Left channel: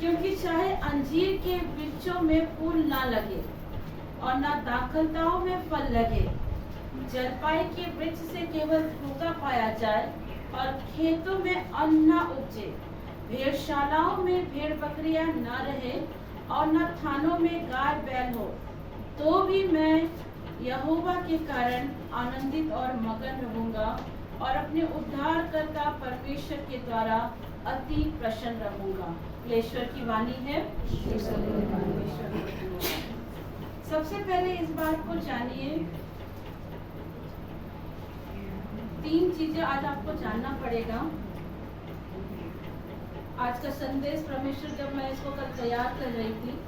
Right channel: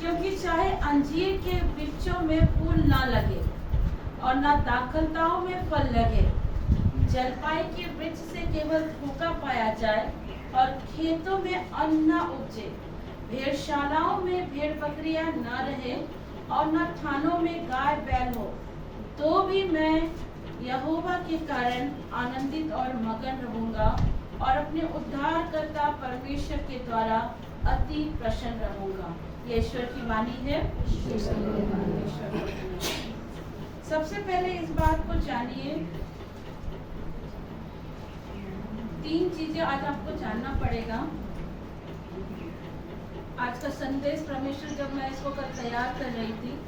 क्योंकि चाहे अंजीर के वृक्षों में फूल ना लगे और ना दाखलताओं में फल लगे, जलपाई के वृक्ष से केवल धोखा पाया जाए और खेतों में अन्न न उपजे, भेड़शालाओं में भेड़ बकरियां न रहे और न थानों में गाय बैल हो, तो भी मैं यहोवा के कारण आनंदित और मगन रहूंगा और अपने उद्धारकर्ता परमेश्वर के द्वारा अति प्रसन्न रहूंगा। ये ईश्वर की वाणी है। सबसे पहले इस बात को जानिए, 3 चीजें आज आपको जानना पड़ेगा। आज का संदेश परमेश्वर, जब मैं इसको कल तैयार कर रही थी,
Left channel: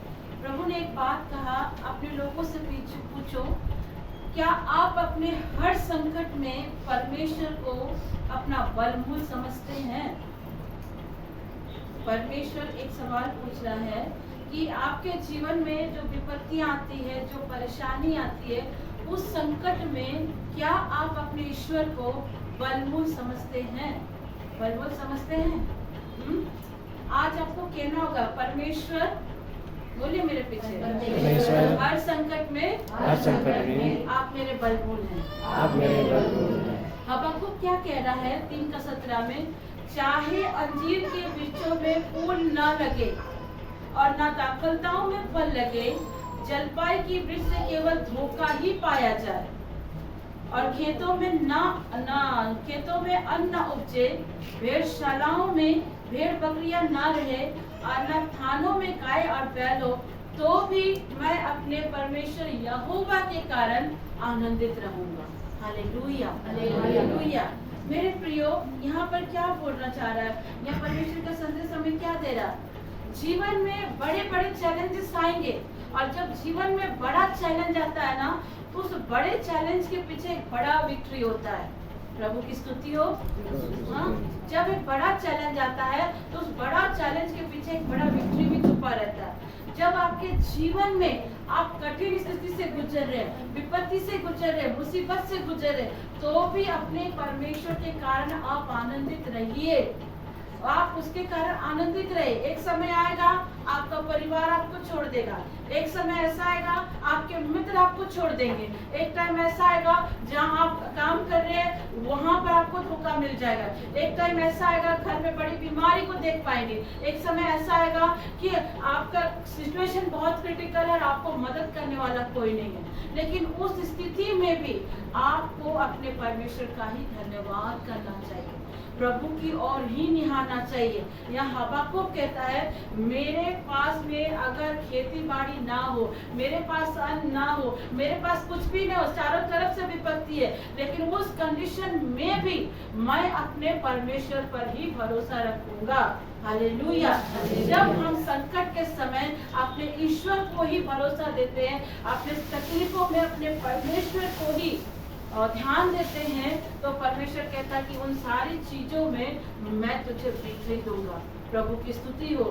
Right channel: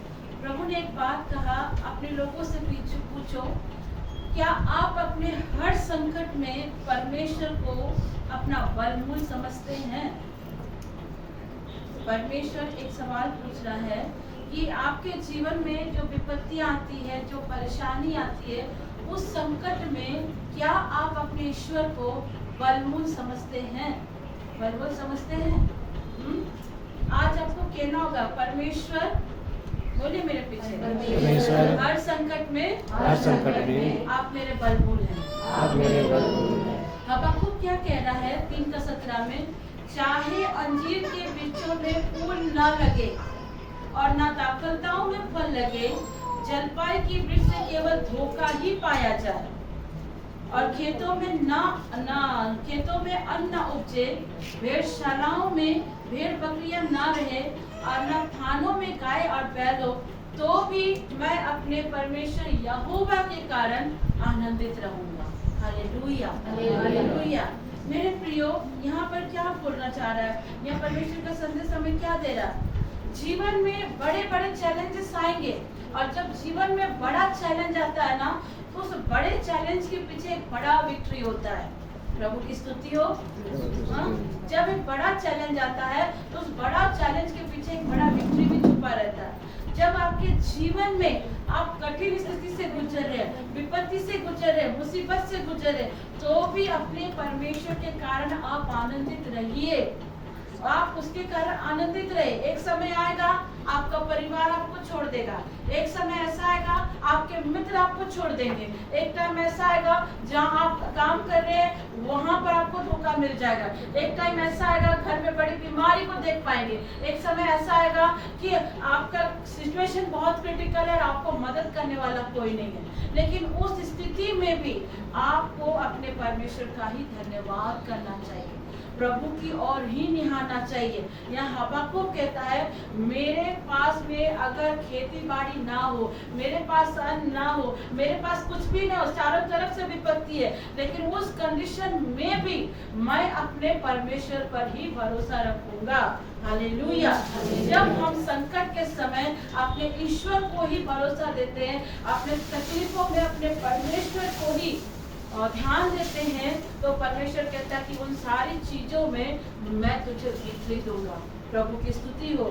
प्रभु ने एक बात कहा, अपने लोगों से पूछो, क्या आप अपने हर संकट में परमेश्वर को अपना बलमूल समझते हैं? परमेश्वर एक सवाल पूछ रहा है कि आपके जीवन में जो विपत्तियां आती है, जो परेशानी आती है, उस संकट में क्या आप अपने ईश्वर को बलमूल समझते हैं? बलमूल समझते हैं? आज आपको कहना होगा, परमेश्वर, बोलिए मेरे पीछे, परमेश्वर हर संकट में आप मेरे बलमूल हैं। आप मेरे बलमूल हैं। हबक्कुक क्या कह रहा है 3:17 में? चाहे अंजीर के वृक्षों में फूल न लगे और न दाखलताओं में फल लगे, जलपाई की वृक्ष से केवल धोखा ही पाया जाए और खेतों में अन्न उपजे, भेड़शालाओं में भेड़ बकरियां ना रहे और न थानों में गाय और बैल हो, तो भी मैं अपने परमेश्वर यहोवा के कारण आनंदित रहूंगा। Hallelujah, hallelujah. मेरे प्रियो, यहाँ पर क्या बोलना चाह रहा है? यहाँ परमेश्वर का संदेश हमें क्या दे रहा है? जीवन में बड़े बड़े चैलेंजेस आएंगे और जब जीवन में बड़ा चैलेंज आता है ना, तो उस बड़े चैलेंज के पीछे एक बड़ा विक्ट्री होता है। प्रभु की स्तुति हो। हाँ, जब एक बड़ा चैलेंज आता है तो उस बड़ा चैलेंज के पीछे एक बड़ा विक्ट्री भी छुपा रहता है। जब आपके जीवन में आप कठिन स्थिति से गुजर रहे हैं, विपत्ति से गुजर रहे, मुसीबत से गुजर रहे, तो भी अपने परमेश्वर के कारण आप आनंदित रहिए। आप उसके कारण आनंदित रहे। एक समय आएगा आपका परिवार आपको छोड़ देगा, एक समय ऐसा आएगा आपके मित्र आपको छोड़ देंगे, एक टाइम ऐसा आएगा जहां आप काम कर रहे हैं वहां पर आपको धोखा मिल जाएगा, एक टाइम ऐसा आएगा घर में बड़ी बीमारी को देख पाएंगे, एक समय ऐसा आएगा कि आपका सिचुएशन बहुत क्रिटिकल है और आपको मदद करने वाला कोई नहीं है। लेकिन उस स्थिति में भी आपको अपने परमेश्वर का ही धन्यवाद करना चाहिए, प्रभु की ओर ही निहारना चाहिए। यहाँ हबक्कुक कहता है, मेरे पास में अगर खेती बाड़ी ना हो, मेरे पास अन्न ना हो, मेरे पास कुछ भी ना हो, चारों तरफ से विपत्ति है, लेकिन उस कंडीशन में भी मैं अपने परमेश्वर पर ही भरोसा रखूंगा। हालेलुया। जब हम संकट के समय अपने ईश्वर को ही भरोसा देते हैं, अपने तकलीफों में अपने परमेश्वर को ही और ध्यान देते हैं, तो परमेश्वर कहता है कि उन सारी चीजों में मैं तुझे विक्ट्री दूंगा। प्रभु की स्तुति हो।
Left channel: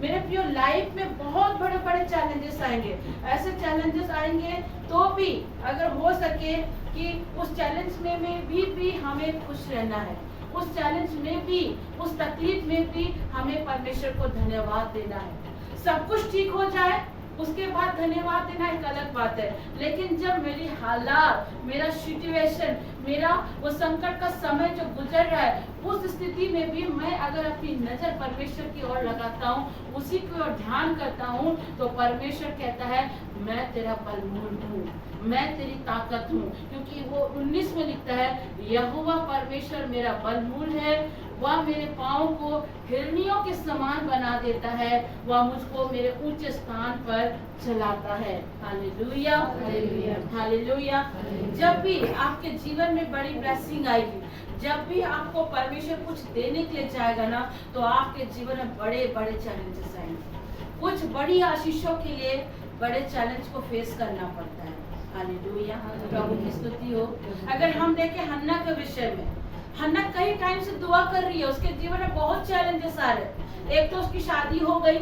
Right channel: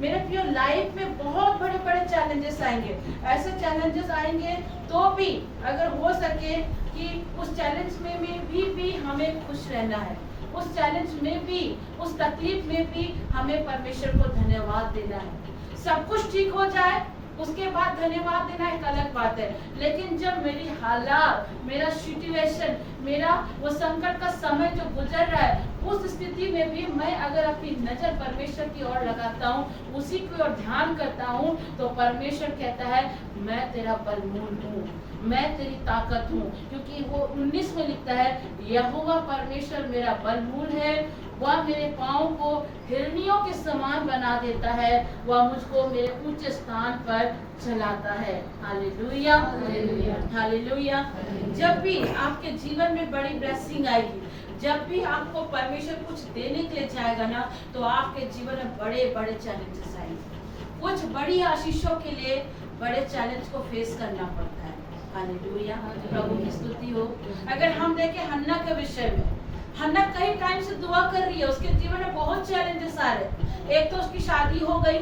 मेरे प्रियो, लाइफ में बहुत बड़े बड़े चैलेंजेस आएंगे। ऐसे चैलेंजेस आएंगे तो भी अगर हो सके कि उस चैलेंज में भी हमें खुश रहना है, उस चैलेंज में भी, उस तकलीफ में भी हमें परमेश्वर को धन्यवाद देना है। सब कुछ ठीक हो जाए उसके बाद धन्यवाद देना एक अलग बात है, लेकिन जब मेरी हालात, मेरा सिचुएशन, मेरा वो संकट का समय जो गुजर रहा है, उस स्थिति में भी मैं अगर अपनी नजर परमेश्वर की ओर लगाता हूँ, उसी की ओर ध्यान करता हूँ, तो परमेश्वर कहता है मैं तेरा बलमूल हूँ, मैं तेरी ताकत हूँ। क्योंकि वो 19 में लिखता है, यहोवा परमेश्वर मेरा बलमूल है, वह मेरे पाँव को हिरनियों के समान बना देता है, वह मुझको मेरे ऊंचे स्थान पर चलाता है। Hallelujah, hallelujah, hallelujah. जब भी आपके जीवन में बड़ी ब्लेसिंग आएगी, जब भी आपको परमेश्वर कुछ देने के लिए जाएगा ना, तो आपके जीवन में बड़े बड़े चैलेंजेस आएंगे। कुछ बड़ी आशीषों के लिए बड़े चैलेंज को फेस करना पड़ता है। हालेलुया, प्रभु की स्तुति हो। अगर हम देखें हन्ना के विषय में, हन्ना कई टाइम से दुआ कर रही है, उसके जीवन में बहुत चैलेंजेस आ रहे। एक तो उसकी शादी हो गई,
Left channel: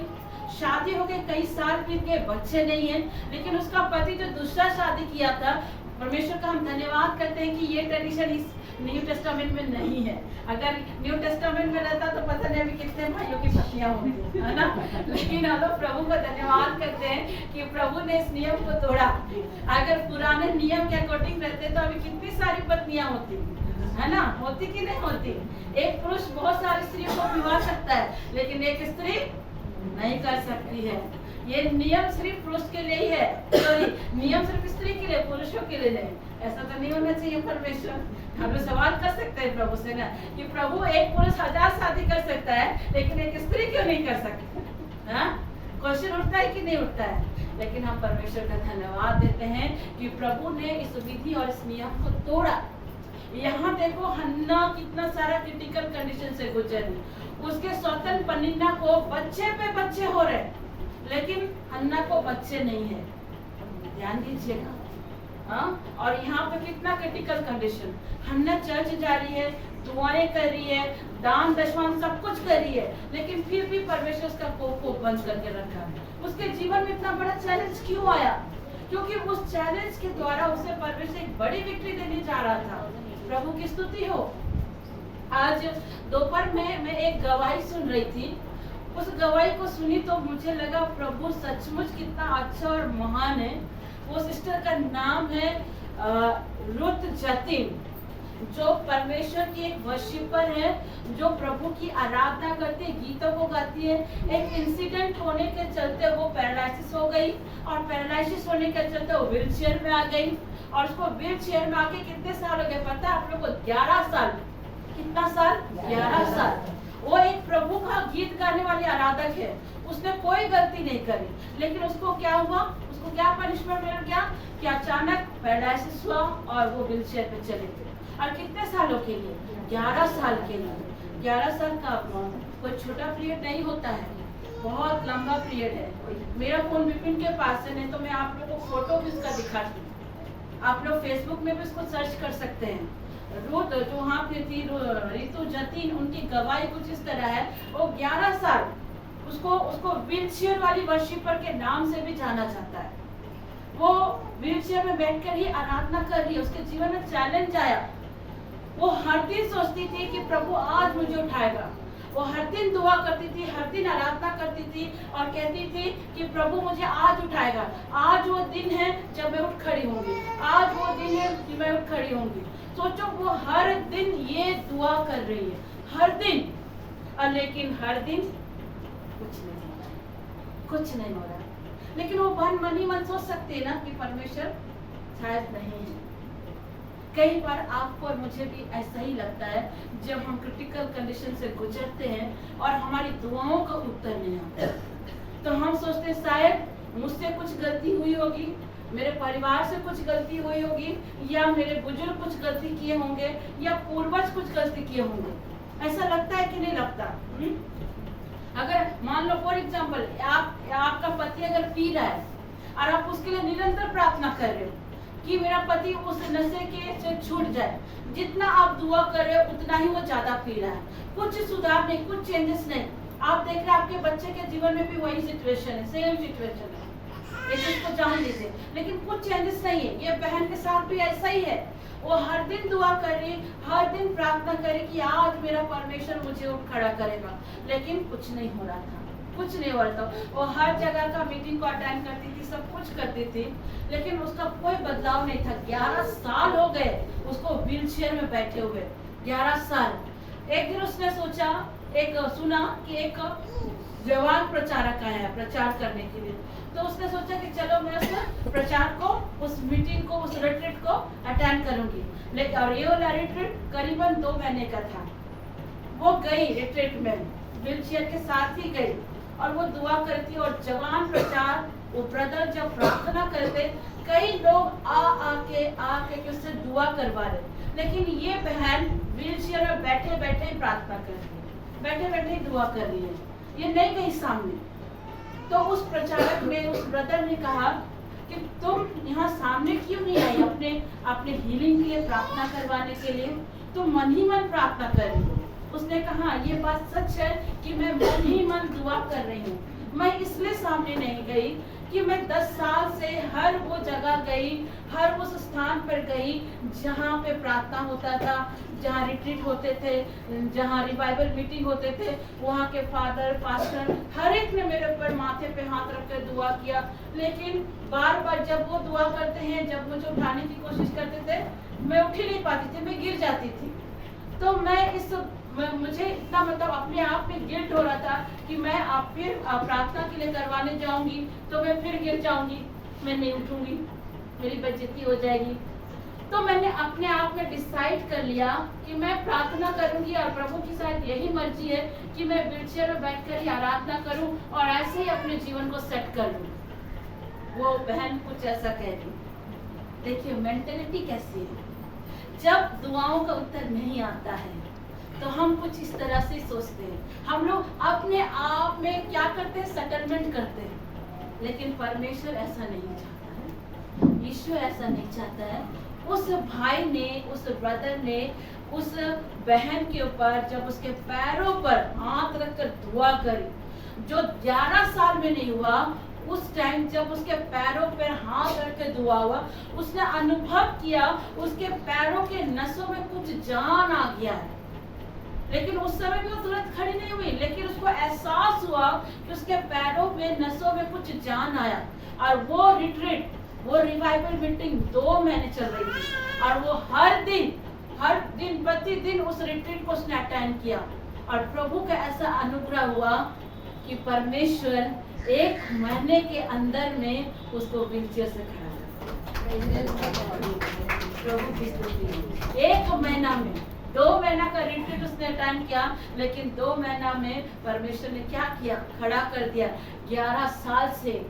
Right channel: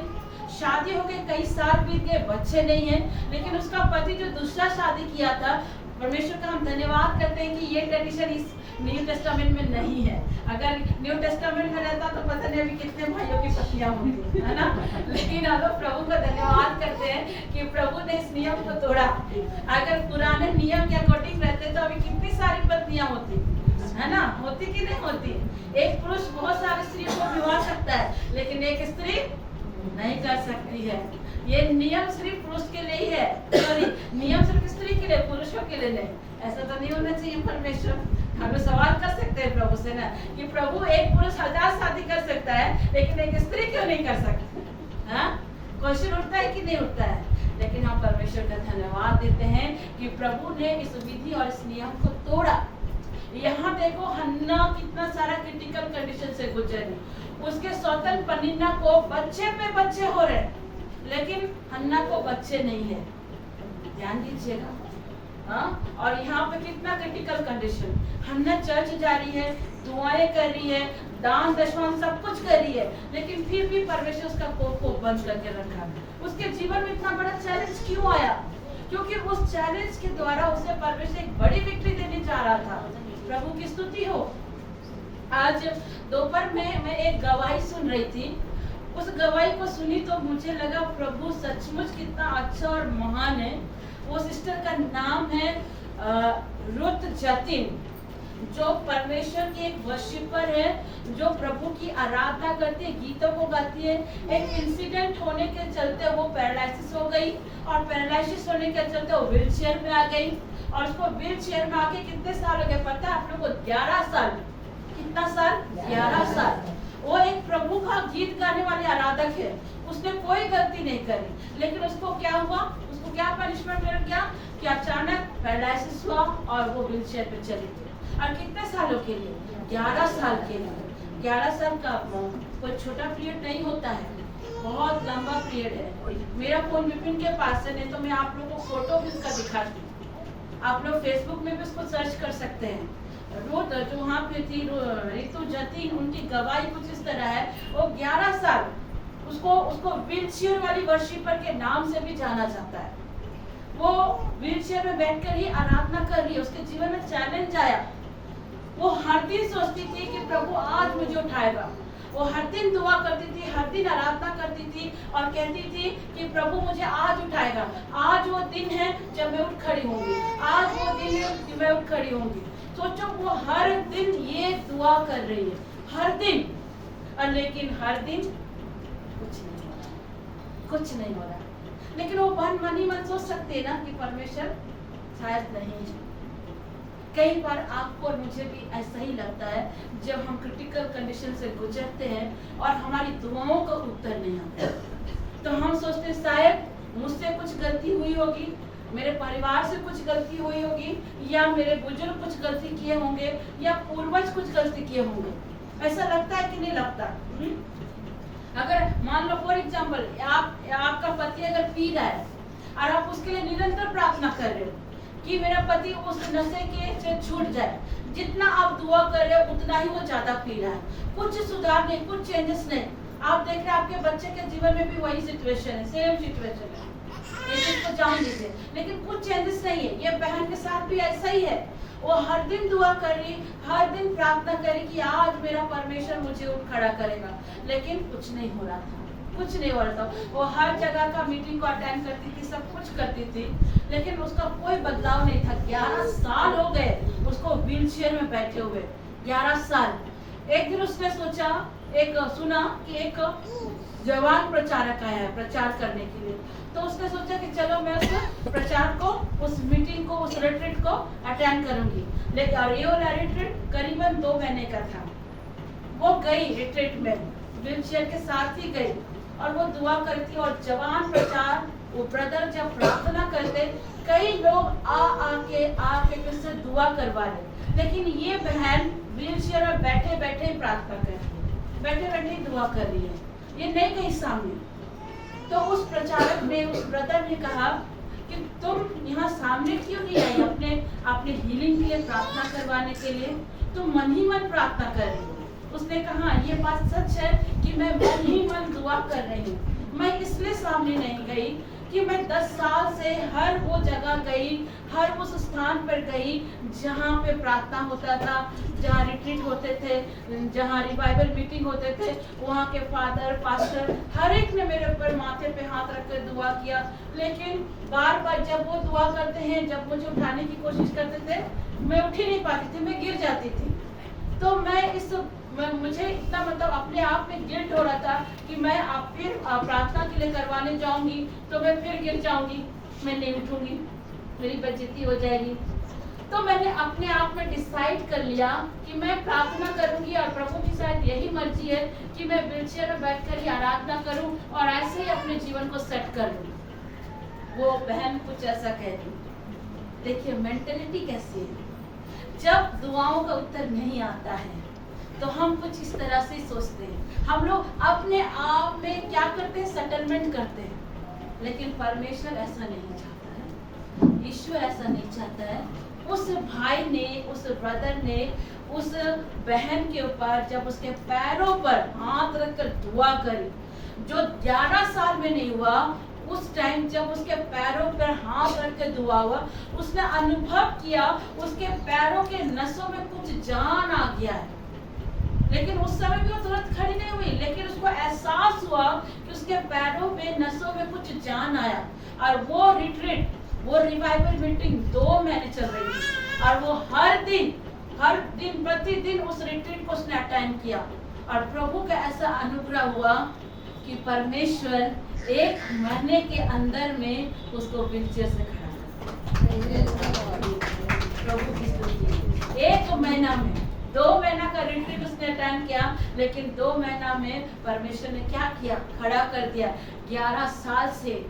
शादी हो गई, कई साल बीत गए, बच्चे नहीं हैं, लेकिन उसका पति जो दूसरा शादी किया था परमेश्वर का हम धन्यवाद करते हैं कि ये ट्रेडिशन इस न्यू टेस्टामेंट में नहीं है। अगर न्यू टेस्टामेंट में रहता तो पता नहीं अभी कितने भाइयों की पत्नियां होंगी, है ना। लेकिन हम लोग प्रभु का धन्यवाद करते हैं कि प्रभु ने इस नियम को तोड़ा। अगर पुराने नियम के अकॉर्डिंग रहते तो अभी कितनी सारी पत्नियां होती, है ना। होती कि नहीं होती। एक पुरुष बहुत सारी स्त्रियों को विवाह सकता है, लेकिन एक स्त्री नहीं कर सकती है। ये नियम सिर्फ पुरुष के लिए ही है, सॉरी, नियम सिर्फ स्त्री के लिए, पुरुषों के लिए नहीं। ऐसा तो नहीं होना चाहिए। परमेश्वर, हम लोग सवाल कर सकते हैं प्रभु से ना कि प्रभु एक पुरुष 1000 शादी कर सकता है लेकिन एक स्त्री क्यों नहीं कर सकती। हाँ, क्वेश्चन उठता है कि नहीं उठता है। लेकिन हम परमेश्वर का धन्यवाद देते हैं कि प्रभु ने इस विधि और इस नियम को तोड़ा। यहाँ देखो हन्ना कितना सारा क्रिटिकल कंडीशन से गुजरी। उसके सौतन पनिन्ना को बच्चे पे बच्चे हो रहे, लेकिन हन्ना को बच्चे नहीं है। ध्यान दीजिएगा। हाँ, और यहाँ पे कितना क्रिटिकल कंडीशन। हन्ना चर्च जा रही है, दुआएं कर रही है, दान दशवान सब कुछ कर रही है, लेकिन फिर भी परमेश्वर उसका कोप को बंद करके रखा। उसके जीवन में इतना बड़ा चैलेंज क्यों आया? क्योंकि उस चैलेंज के द्वारा उसे परमेश्वर एक बड़ी विक्ट्री देने जा रहा था। प्रभु की स्तुति हो। आज दोपहर में मैं एक गवाही सुन रही थी। उस गवाही को सुनी तो मुझे लगा प्रभु सचमुच कितना अच्छा और महान है। वो सिस्टर का नाम है रुत जतिन, जो परमेश्वर की एक वर्शिपर है, जो प्रभु की आराधना करती है, गीतों को गाती है। एक इंसिडेंट होने के चलते वो पैरालिसिस हो गई, और पैरालिसिस होने के चलते वो व्हील चेयर में आ गई। और उसको व्हील चेयर में आके कितने साल हो गए पता है आप लोगों को? 11 साल। कितना साल? 11 साल। वो एक प्रभु का गीत गाने वाली आराधक है। उसने कोई गलती नहीं करी, लेकिन उसको क्या हुआ? उसको क्या पनिशमेंट मिल गया कि अचानक पैरालिसिस हुआ और वो व्हील चेयर पे चली गई। और कितने सालों के लिए? 11 साल के लिए। 11 साल का कोई छोटा पीरियड नहीं होता है, बहुत लंबा पीरियड है। मेरा फोन विपिन के पास है, नहीं तो मैं आप लोगों को फोटो भी उसका दिखाती हूँ। आप लोग फेसबुक में भी उसको सर्च कर सकते हैं। रोड जो वहाँ पे थी रितु जतिन, उनकी गवाही कुछ इस तरह है। वो 11 साल उसको व्हील चेयर वाली वर्शिपर के नाम से भी जाना जाता है। वो व्हील चेयर में बैठकर ही आराधना कर रही है। उसके जीवन में चैलेंज आया। वो हर दिन सोचती थी कि प्रभु आज मुझे उठाएगा। वो हर दिन दुआ करती थी, हर दिन आराधना करती थी और कहती थी कि प्रभु मुझे आज उठाएगा। आज वो दिन है जब मैं उठ खड़ी होंगी, आज वो दिन है कि मैं उठ खड़ी होंगी। सोचो, वो हर दिन ये दुआ कर रही है, हर दिन। और लेकिन हर दिन कुछ नहीं हो रहा, कुछ नहीं हो रहा। लेकिन वो मन ही मन सोच सकते हैं ना कि परमेश्वर शायद नहीं है। कई बार आपको और मुझे भी ऐसा ही लगता है जब हम क्रिटिकल कंडीशन से गुजरते हैं और हमारी दुआओं का उत्तर नहीं आता, तो हम सोचते हैं शायद मुझसे कुछ गलती हुई होगी, मेरे परिवार से कुछ गलती हुई होगी, या मेरे बुजुर्ग कुछ गलती किए होंगे, या पूर्वज कुछ गलती किए होंगे। ऐसा लगता है कि नहीं लगता? अगर मान लो फॉर एग्जाम्पल आपका पति अगर पी रहा है और आप उसके लिए निरंतर प्रार्थना कर रहे हो कि मेरा पति उस नशे के से छूट जाए, जितना आप दुआ कर रहे हो उतना ही वो ज्यादा पी रहा है, कुछ सुधार नहीं, कुछ चेंजेस नहीं। आप देख रहे हैं आपके बच्चे के जीवन में भी वही सिचुएशन है, सेम सिचुएशन है, ये चीज को जान लीजिए, लेकिन कुछ चेंजेस नहीं है। ये बहन के साथ भी ऐसा ही है। वो हर दिन दुआ कर रही, हर दिन प्रार्थना कर रही कि आज मेरा परमेश्वर मुझे उठ खड़ा करेगा, लेकिन कुछ नहीं हो रहा था, कुछ नहीं हो रहा था। वो हर जगह का मीटिंग को अटेंड करती थी, सब कुछ करती थी, लेकिन उसका कोई बदलाव नहीं था। 11 साल हो गए उसको व्हील चेयर में बैठे हुए, 11 साल। एक दिन उसने सोचा, सुना कि एक जवान प्रचारक आया है प्रचार करने के लिए, तो उसने सोचा कि चलो मैं उस प्रचार को, उस मीटिंग को, उस रिट्रीट को अटेंड करूंगी। लेकिन और ये वाला रिट्रीट करीबन 2 महीने का था। वो गई रिट्रीट में, व्हील चेयर के साथ ही गई और वो दुआ करती। और जवान प्रचार वो ब्रदर जब प्रार्थना करते, कई लोग आके उससे दुआ करवा रहे, लेकिन ये बहन व्हील चेयर में बैठे बैठे प्रार्थना कर रही है, बैठे बैठे दुआ कर रही है, ये नहीं गई सामने। तो उस प्रचारक ने, उस ब्रदर ने कहा कि तुम यहाँ सामने क्यों नहीं आई अपने हीलिंग के लिए प्रार्थना करवाने के लिए? तुम मन ही मन प्रार्थना कर रही हो। उसने कहा ये बात सच है कि मैं मन ही मन दुआ कर रही हूँ, मैं इसलिए सामने नहीं गई कि मैं 10 साल से हर वो जगह गई, हर उस स्थान पर गई जहाँ पे प्रार्थना होता था, जहाँ रिट्रीट होते थे, जहाँ रिवाइवल मीटिंग होते थे। वहाँ के फादर पास्टर हर एक ने मेरे ऊपर माथे पे हाथ रख कर दुआ किया, लेकिन बार बार जब वो दुआ करते हैं, जब मुझे उठाने की कोशिश करते थे, मैं उठ ही नहीं पाती थी, मैं गिर जाती थी। तो मुझे इतना मतलब अपने आप में गिल्ट हो रहा था कि मैं आप फिर प्रार्थना के लिए करवाने जाऊंगी तो मैं फिर गिर जाऊंगी, मैं नहीं उठूंगी, मेरी बेइज्जती हो जाएगी। तो मैंने अपने आप में डिसाइड कर लिया कि मैं प्रार्थना करूंगी और प्रभु की शायद यही मर्जी है कि मैं व्हीलचेयर में बैठकर ही आराधना करूं और ऐसे ही अपने जीवन को सेट कर लूं। वो बहन कुछ ऐसा कहती। देखिए मेंटेलिटी कैसी है, जब दुआओं का उत्तर नहीं आता है तो हम कुछ इस तरह से सोचते हैं। हम लोग अपने आप में क्या करते हैं, सेटलमेंट करते हैं, लेकिन परमेश्वर ऐसा नहीं चाहता है, ईश्वर ऐसा नहीं चाहता है। उस भाई ने, उस ब्रदर ने उस बहन के ऊपर जब उसके पैरों पर हाथ रखकर दुआ करी, जो 11 साल में नहीं हुआ, उस टाइम जब उसके पैरों पर हाथ रख के दुआ हुआ, उसने अनुभव किया उसके पैरों के नसों में कुछ जान आ गया है। लेकिन उस समय भी वो तुरंत खड़ी नहीं हुई, लेकिन उसको एहसास हुआ कि उसके पैरों में नसों में कुछ जान आया। और वो रिट्रीट, वो रिवाइवल मीटिंग 2 महीने चल रही थी और वो हर दिन प्रतिदिन उस रिट्रीट को उसने अटेंड किया। और प्रभु का ऐसा अनुग्रह हुआ कि परमेश्वर 1 महीने के अंदर में उसको व्हीलचेयर से खड़ा कर। प्रभु की स्तुति। 1 महीना में, 2 महीना का रिट्रीट उसने अटेंड किया, लेकिन 2 महीना में परमेश्वर ने क्या किया, खड़ा कर दिया। 11 साल से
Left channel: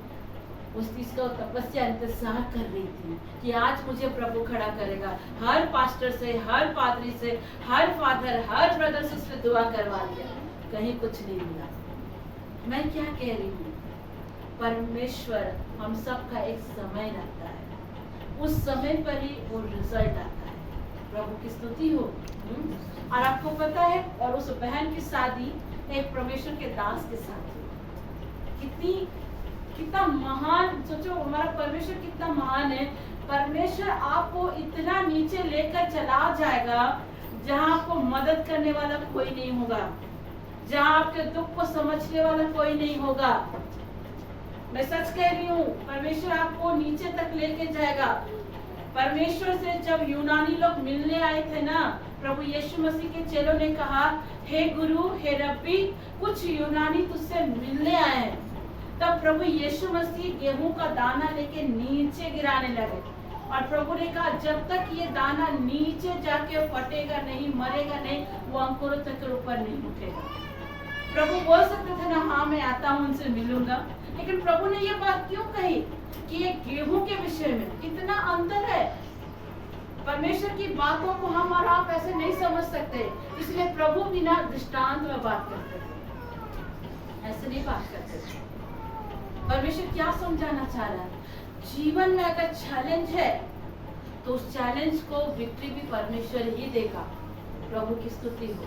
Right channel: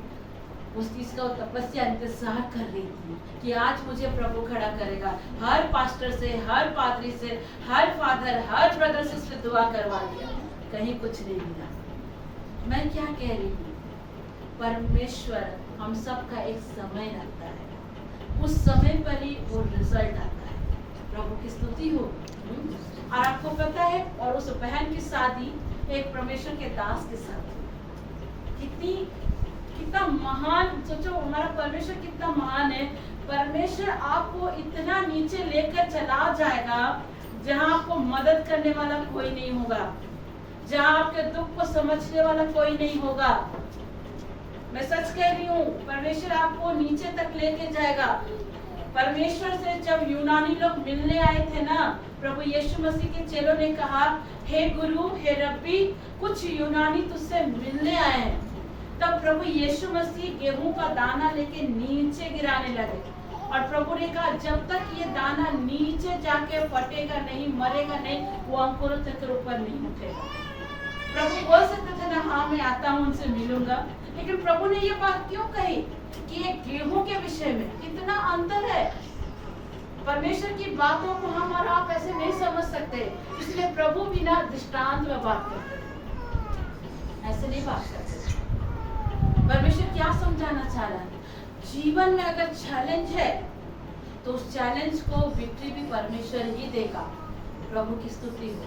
उस चीज का तपस्या इंतजार कर रही थी कि आज मुझे प्रभु खड़ा करेगा। हर पास्टर से, हर पादरी से, हर फादर, हर ब्रदर से उसने दुआ करवा लिया, कहीं कुछ नहीं मिला। मैं क्या कह रही हूँ, परमेश्वर हम सब का एक समय रखता है, उस समय पर ही वो रिजल्ट आता है। प्रभु की स्तुति हो। और आपको पता है, और उस बहन की शादी एक परमेश्वर के दास के साथ हुई। कितना महान, सोचो हमारा परमेश्वर कितना महान है। परमेश्वर आपको इतना नीचे लेकर चला जाएगा जहाँ आपको मदद करने वाला कोई नहीं होगा, जहाँ आपके दुख को समझने वाला कोई नहीं होगा। मैं सच कह रही हूँ, परमेश्वर आपको नीचे तक लेके जाएगा। परमेश्वर से जब यूनानी लोग मिलने आए थे ना, प्रभु यीशु मसीह के चेलों ने कहा, हे गुरु, हे रब्बी, कुछ यूनानी तुझसे मिलने आए हैं। तब प्रभु यीशु मसीह गेहूं का दाना लेके नीचे गिराने लगे और प्रभु ने कहा, जब तक ये दाना नीचे जाके फटेगा नहीं, मरेगा नहीं, वो अंकुरों तक ऊपर नहीं उठेगा। प्रभु बोल सकते थे ना, हाँ मैं आता हूँ, उनसे मिलूंगा, लेकिन प्रभु ने ये बात क्यों कही कि ये गेहूं के विषय में कितना अंतर है। परमेश्वर की बातों को हम और आप ऐसे नहीं समझ सकते, इसलिए प्रभु बिना दृष्टांत में बात करते, ऐसे नहीं बात करते। परमेश्वर क्या समझाना चाह रहा है, जीवन में अगर चैलेंज है तो उस चैलेंज को विक्ट्री भी परमेश्वर ही देगा। प्रभु की स्तुति हो,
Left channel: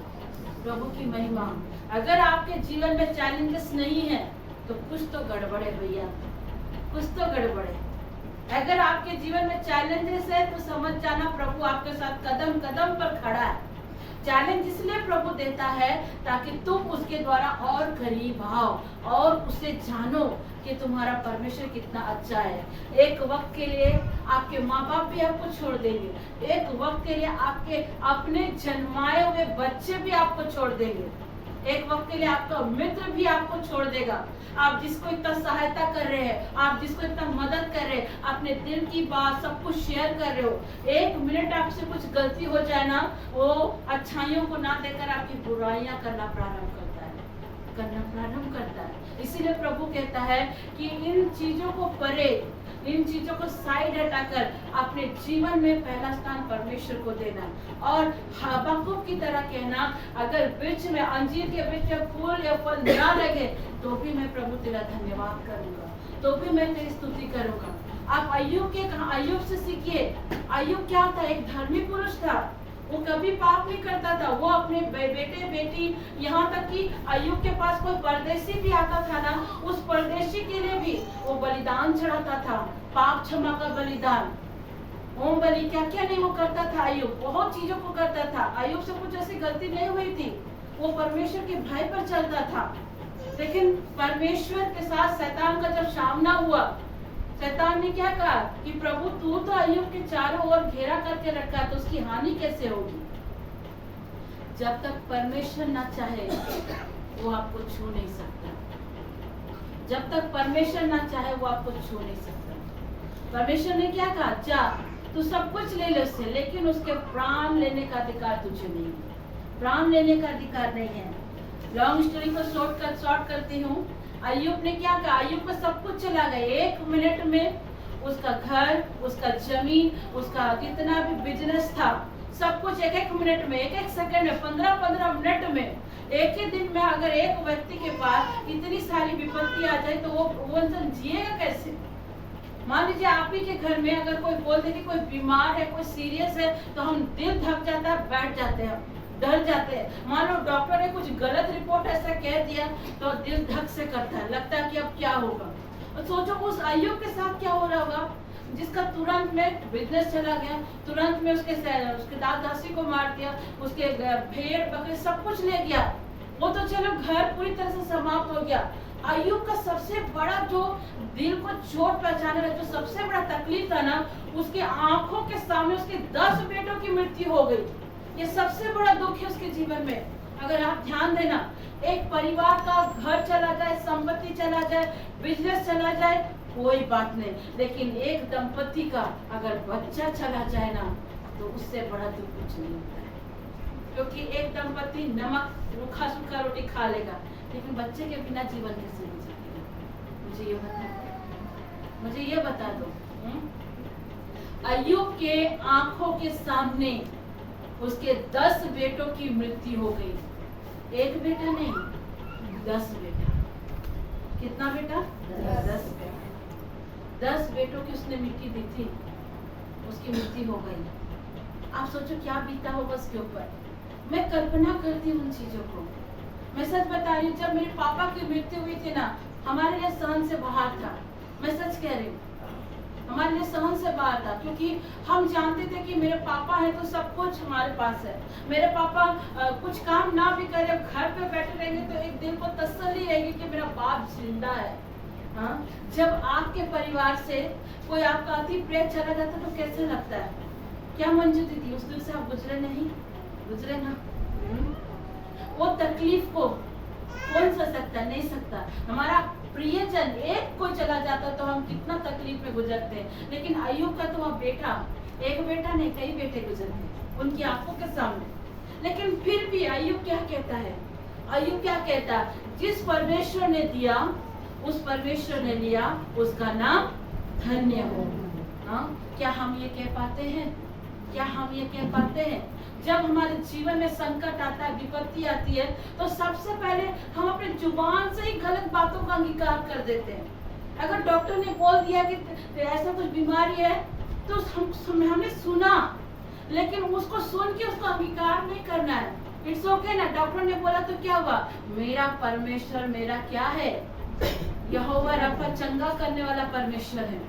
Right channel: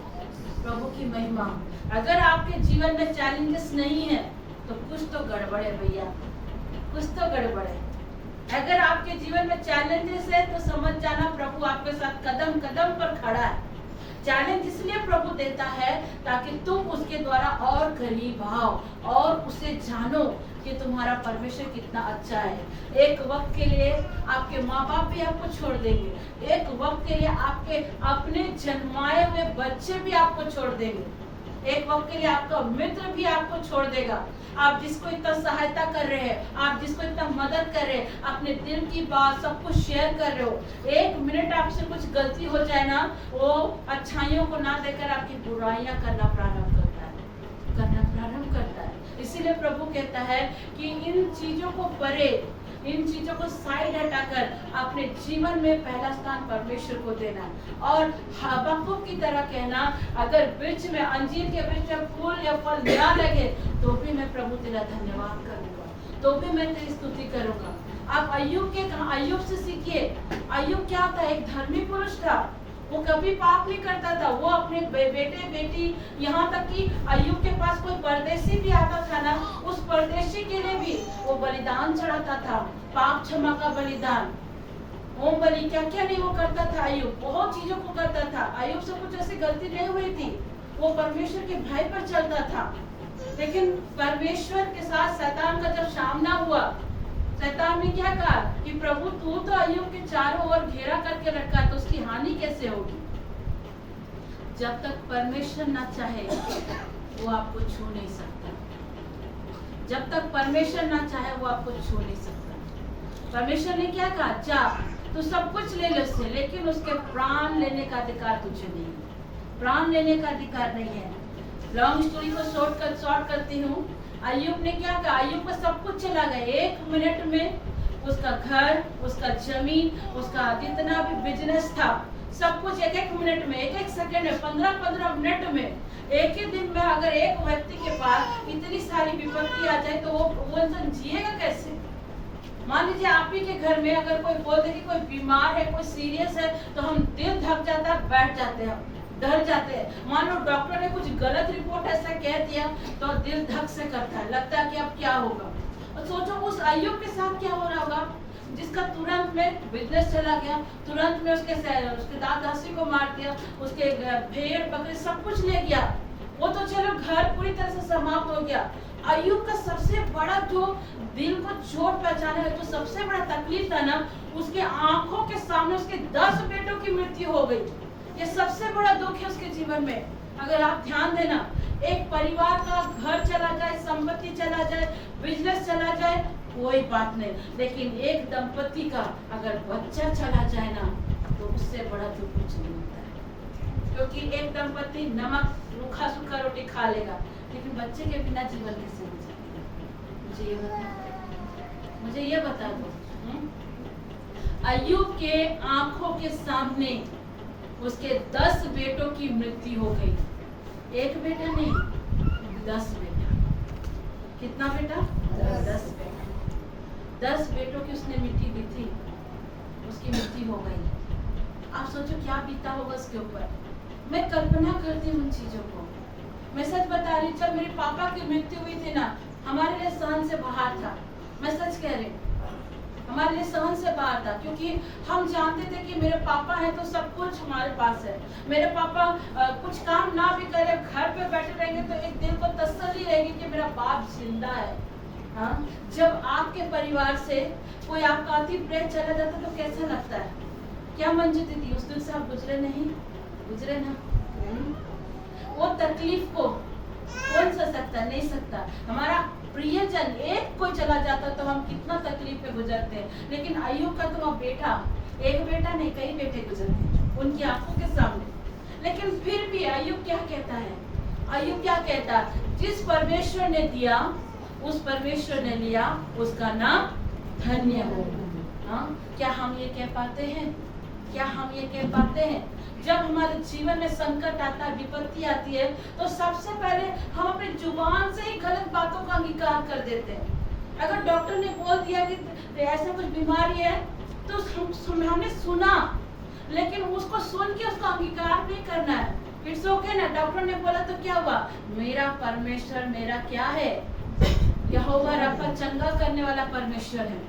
प्रभु की महिमा। अगर आपके जीवन में चैलेंजेस नहीं है तो कुछ तो गड़बड़ है भैया, कुछ तो गड़बड़ है। अगर आपके जीवन में चैलेंजेस है तो समझ जाना प्रभु आपके साथ कदम कदम पर खड़ा है। चैलेंज इसलिए प्रभु देता है ताकि तुम उसके द्वारा और करीब आओ और उसे जानो कि तुम्हारा परमेश्वर कितना अच्छा है। एक वक्त के लिए आपके माँ बाप भी आपको छोड़ देंगे, एक वक्त के लिए आपके अपने जन्माए हुए बच्चे भी आपको छोड़ देंगे, एक वक्त के लिए आपका मित्र भी आपको छोड़ देगा। आप जिसको इतना सहायता कर रहे हैं, आप जिसको इतना मदद कर रहे हैं, अपने दिल की बात सब कुछ शेयर कर रहे हो, 1 मिनट आपसे कुछ गलती हो जाए ना, वो अच्छाइयों को ना देकर आपकी बुराइयां करना प्रारंभ करता है। इसीलिए प्रभु कहता है कि इन चीजों को परे, इन चीजों को साइड हटाकर अपने जीवन में पहला स्थान परमेश्वर को देना और हबक्कुक की तरह कहना, अगर वृक्ष में, अंजीर के वृक्ष में फूल या फल ना लगे तो भी मैं प्रभु तेरा धन्यवाद करूंगा, तो भी मैं तेरी स्तुति करूंगा। आप अय्यूब से सीखिए। अय्यूब क्या था, एक धर्मी पुरुष था, वो कभी पाप नहीं करता था। वो अपने बेटे बेटी, यहाँ तक कि अय्यूब के पास कोई परदेशी भी आता था ना, उस परदेशी के लिए भी वो बलिदान चढ़ाता था, पाप क्षमा का बलिदान, होम बलि, क्या क्या नहीं वो करता था। अय्यूब बहुत चीजों को करता था। अय्यूब से कुछ ऐसी गलती नहीं हुई थी, वो परमेश्वर के भय पर चलता था। लेकिन परमेश्वर के साथ शैतान का जब सामना हुआ, शैतान ने क्या कहा कि प्रभु तू तो अय्यूब के चारों ओर घेरा करके रखा, तो उसकी हानि कैसे होगी? जब तक परमेश्वर न चाहे वो आपको छू नहीं सकता। जब तक परमेश्वर न चाहे वो आपको छू नहीं सकता। परमेश्वर ने क्या कहा, जा तू सब कुछ ले ले उससे, लेकिन उसके प्राण लेने का अधिकार तुझे नहीं है। प्राण लेने का अधिकार नहीं है। लॉन्ग स्टोरी को शॉर्ट करती हूँ। अय्यूब ने क्या कहा, अय्यूब का सब कुछ चला गया। 1 मिनट में उसका घर, उसका जमीन, उसका जितना भी बिजनेस था, सब कुछ 1-1 मिनट में, 1-1 सेकंड में, 15-15 मिनट में, एक ही दिन में अगर एक व्यक्ति के पास इतनी सारी विपत्ति आ जाए तो वो इंसान जिएगा कैसे? मान लीजिए आप ही के घर में अगर कोई बोल दे कि कोई बीमार है, कोई सीरियस है, तो हम दिल धक जाता है, बैठ जाते हैं, डर जाते हैं। मान लो डॉक्टर ने कुछ गलत रिपोर्ट ऐसा कह दिया तो दिल धक से करता है, लगता है कि अब क्या होगा। और सोचो उस अय्यूब के साथ क्या हो रहा होगा, जिसका तुरंत में बिजनेस चला गया, तुरंत में उसके दास दासी को मार दिया, उसके भेड़ बकरे सब कुछ ले गया। वो तो चलो घर पूरी तरह से समाप्त हो गया। अय्यूब का सबसे बड़ा जो दिल को चोट पहुंचाने का जो सबसे बड़ा तकलीफ था ना, उसके आंखों के सामने उसके 10 बेटों की मृत्यु हो गई। ये सबसे बड़ा दुख है उसके जीवन में। अगर आप ध्यान देना, एक परिवार का घर चला जाए, संपत्ति चला जाए, बिजनेस चला जाए, कोई बात नहीं, लेकिन एक दंपति का अगर बच्चा चला जाए ना, तो उससे बड़ा दुख कुछ नहीं होता है। क्योंकि एक दंपति नमक रूखा सूखा रोटी खा लेगा, लेकिन बच्चे के बिना जीवन कैसे हो सकता है? मुझे ये बता दो। अय्यूब के आंखों के सामने उसके 10 बेटों की मृत्यु हो गई। एक बेटा नहीं, 10 बेटा। कितना बेटा? 10 बेटा। 10 बेटों की उसने मिट्टी दी थी, उसकी मृत्यु हो गई। आप सोचो क्या बीता होगा उसके ऊपर। मैं कल्पना करती हूँ उन चीजों को। मैं सच बता रही हूँ, जब मेरे पापा की मृत्यु हुई थी ना, हमारे लिए सहन से बाहर था। मैं सच कह रही हूँ, हमारे लिए सहन से बाहर था, क्योंकि हम जानते थे कि मेरे पापा है तो सब कुछ हमारे पास है। मेरे पापा कुछ काम ना भी करे, घर पे बैठे रहेंगे तो एक दिल को तसल्ली रहेगी कि मेरा बाप जिंदा है। हाँ, जब आपके परिवार से कोई आपका अति प्रिय चला जाता तो कैसा लगता है? क्या मंजू दीदी उस दिन से आप गुजरे नहीं? गुजरे ना। वो तकलीफ को कौन सह सकता? नहीं सकता। हमारा प्रियजन एक कोई चला जाता तो हम कितना तकलीफ में गुजरते हैं। लेकिन अय्यूब का तो बेटा, एक बेटा नहीं, कई बेटे गुजरते उनकी आंखों के सामने। लेकिन फिर भी अय्यूब क्या कहता है? अय्यूब क्या कहता है? जिस परमेश्वर ने दिया उस परमेश्वर ने लिया, उसका नाम धन्य हो। हाँ, क्या हम ये कह पाते हैं? क्या हम ये कह पाते हैं? जब हमारे जीवन में संकट आता है, विपत्ति आती है, तो सबसे पहले हम अपने जुबान से ही गलत बातों का अंगीकार कर देते हैं। अगर डॉक्टर ने बोल दिया कि ऐसा कुछ बीमारी है, तो हमने सुना, लेकिन उसको सुन के उसको अंगीकार नहीं करना है। इट्स ओके ना, डॉक्टर ने बोला तो क्या हुआ? मेरा परमेश्वर मेरा क्या है? यहोवा रफ़ा, चंगा करने वाला परमेश्वर है,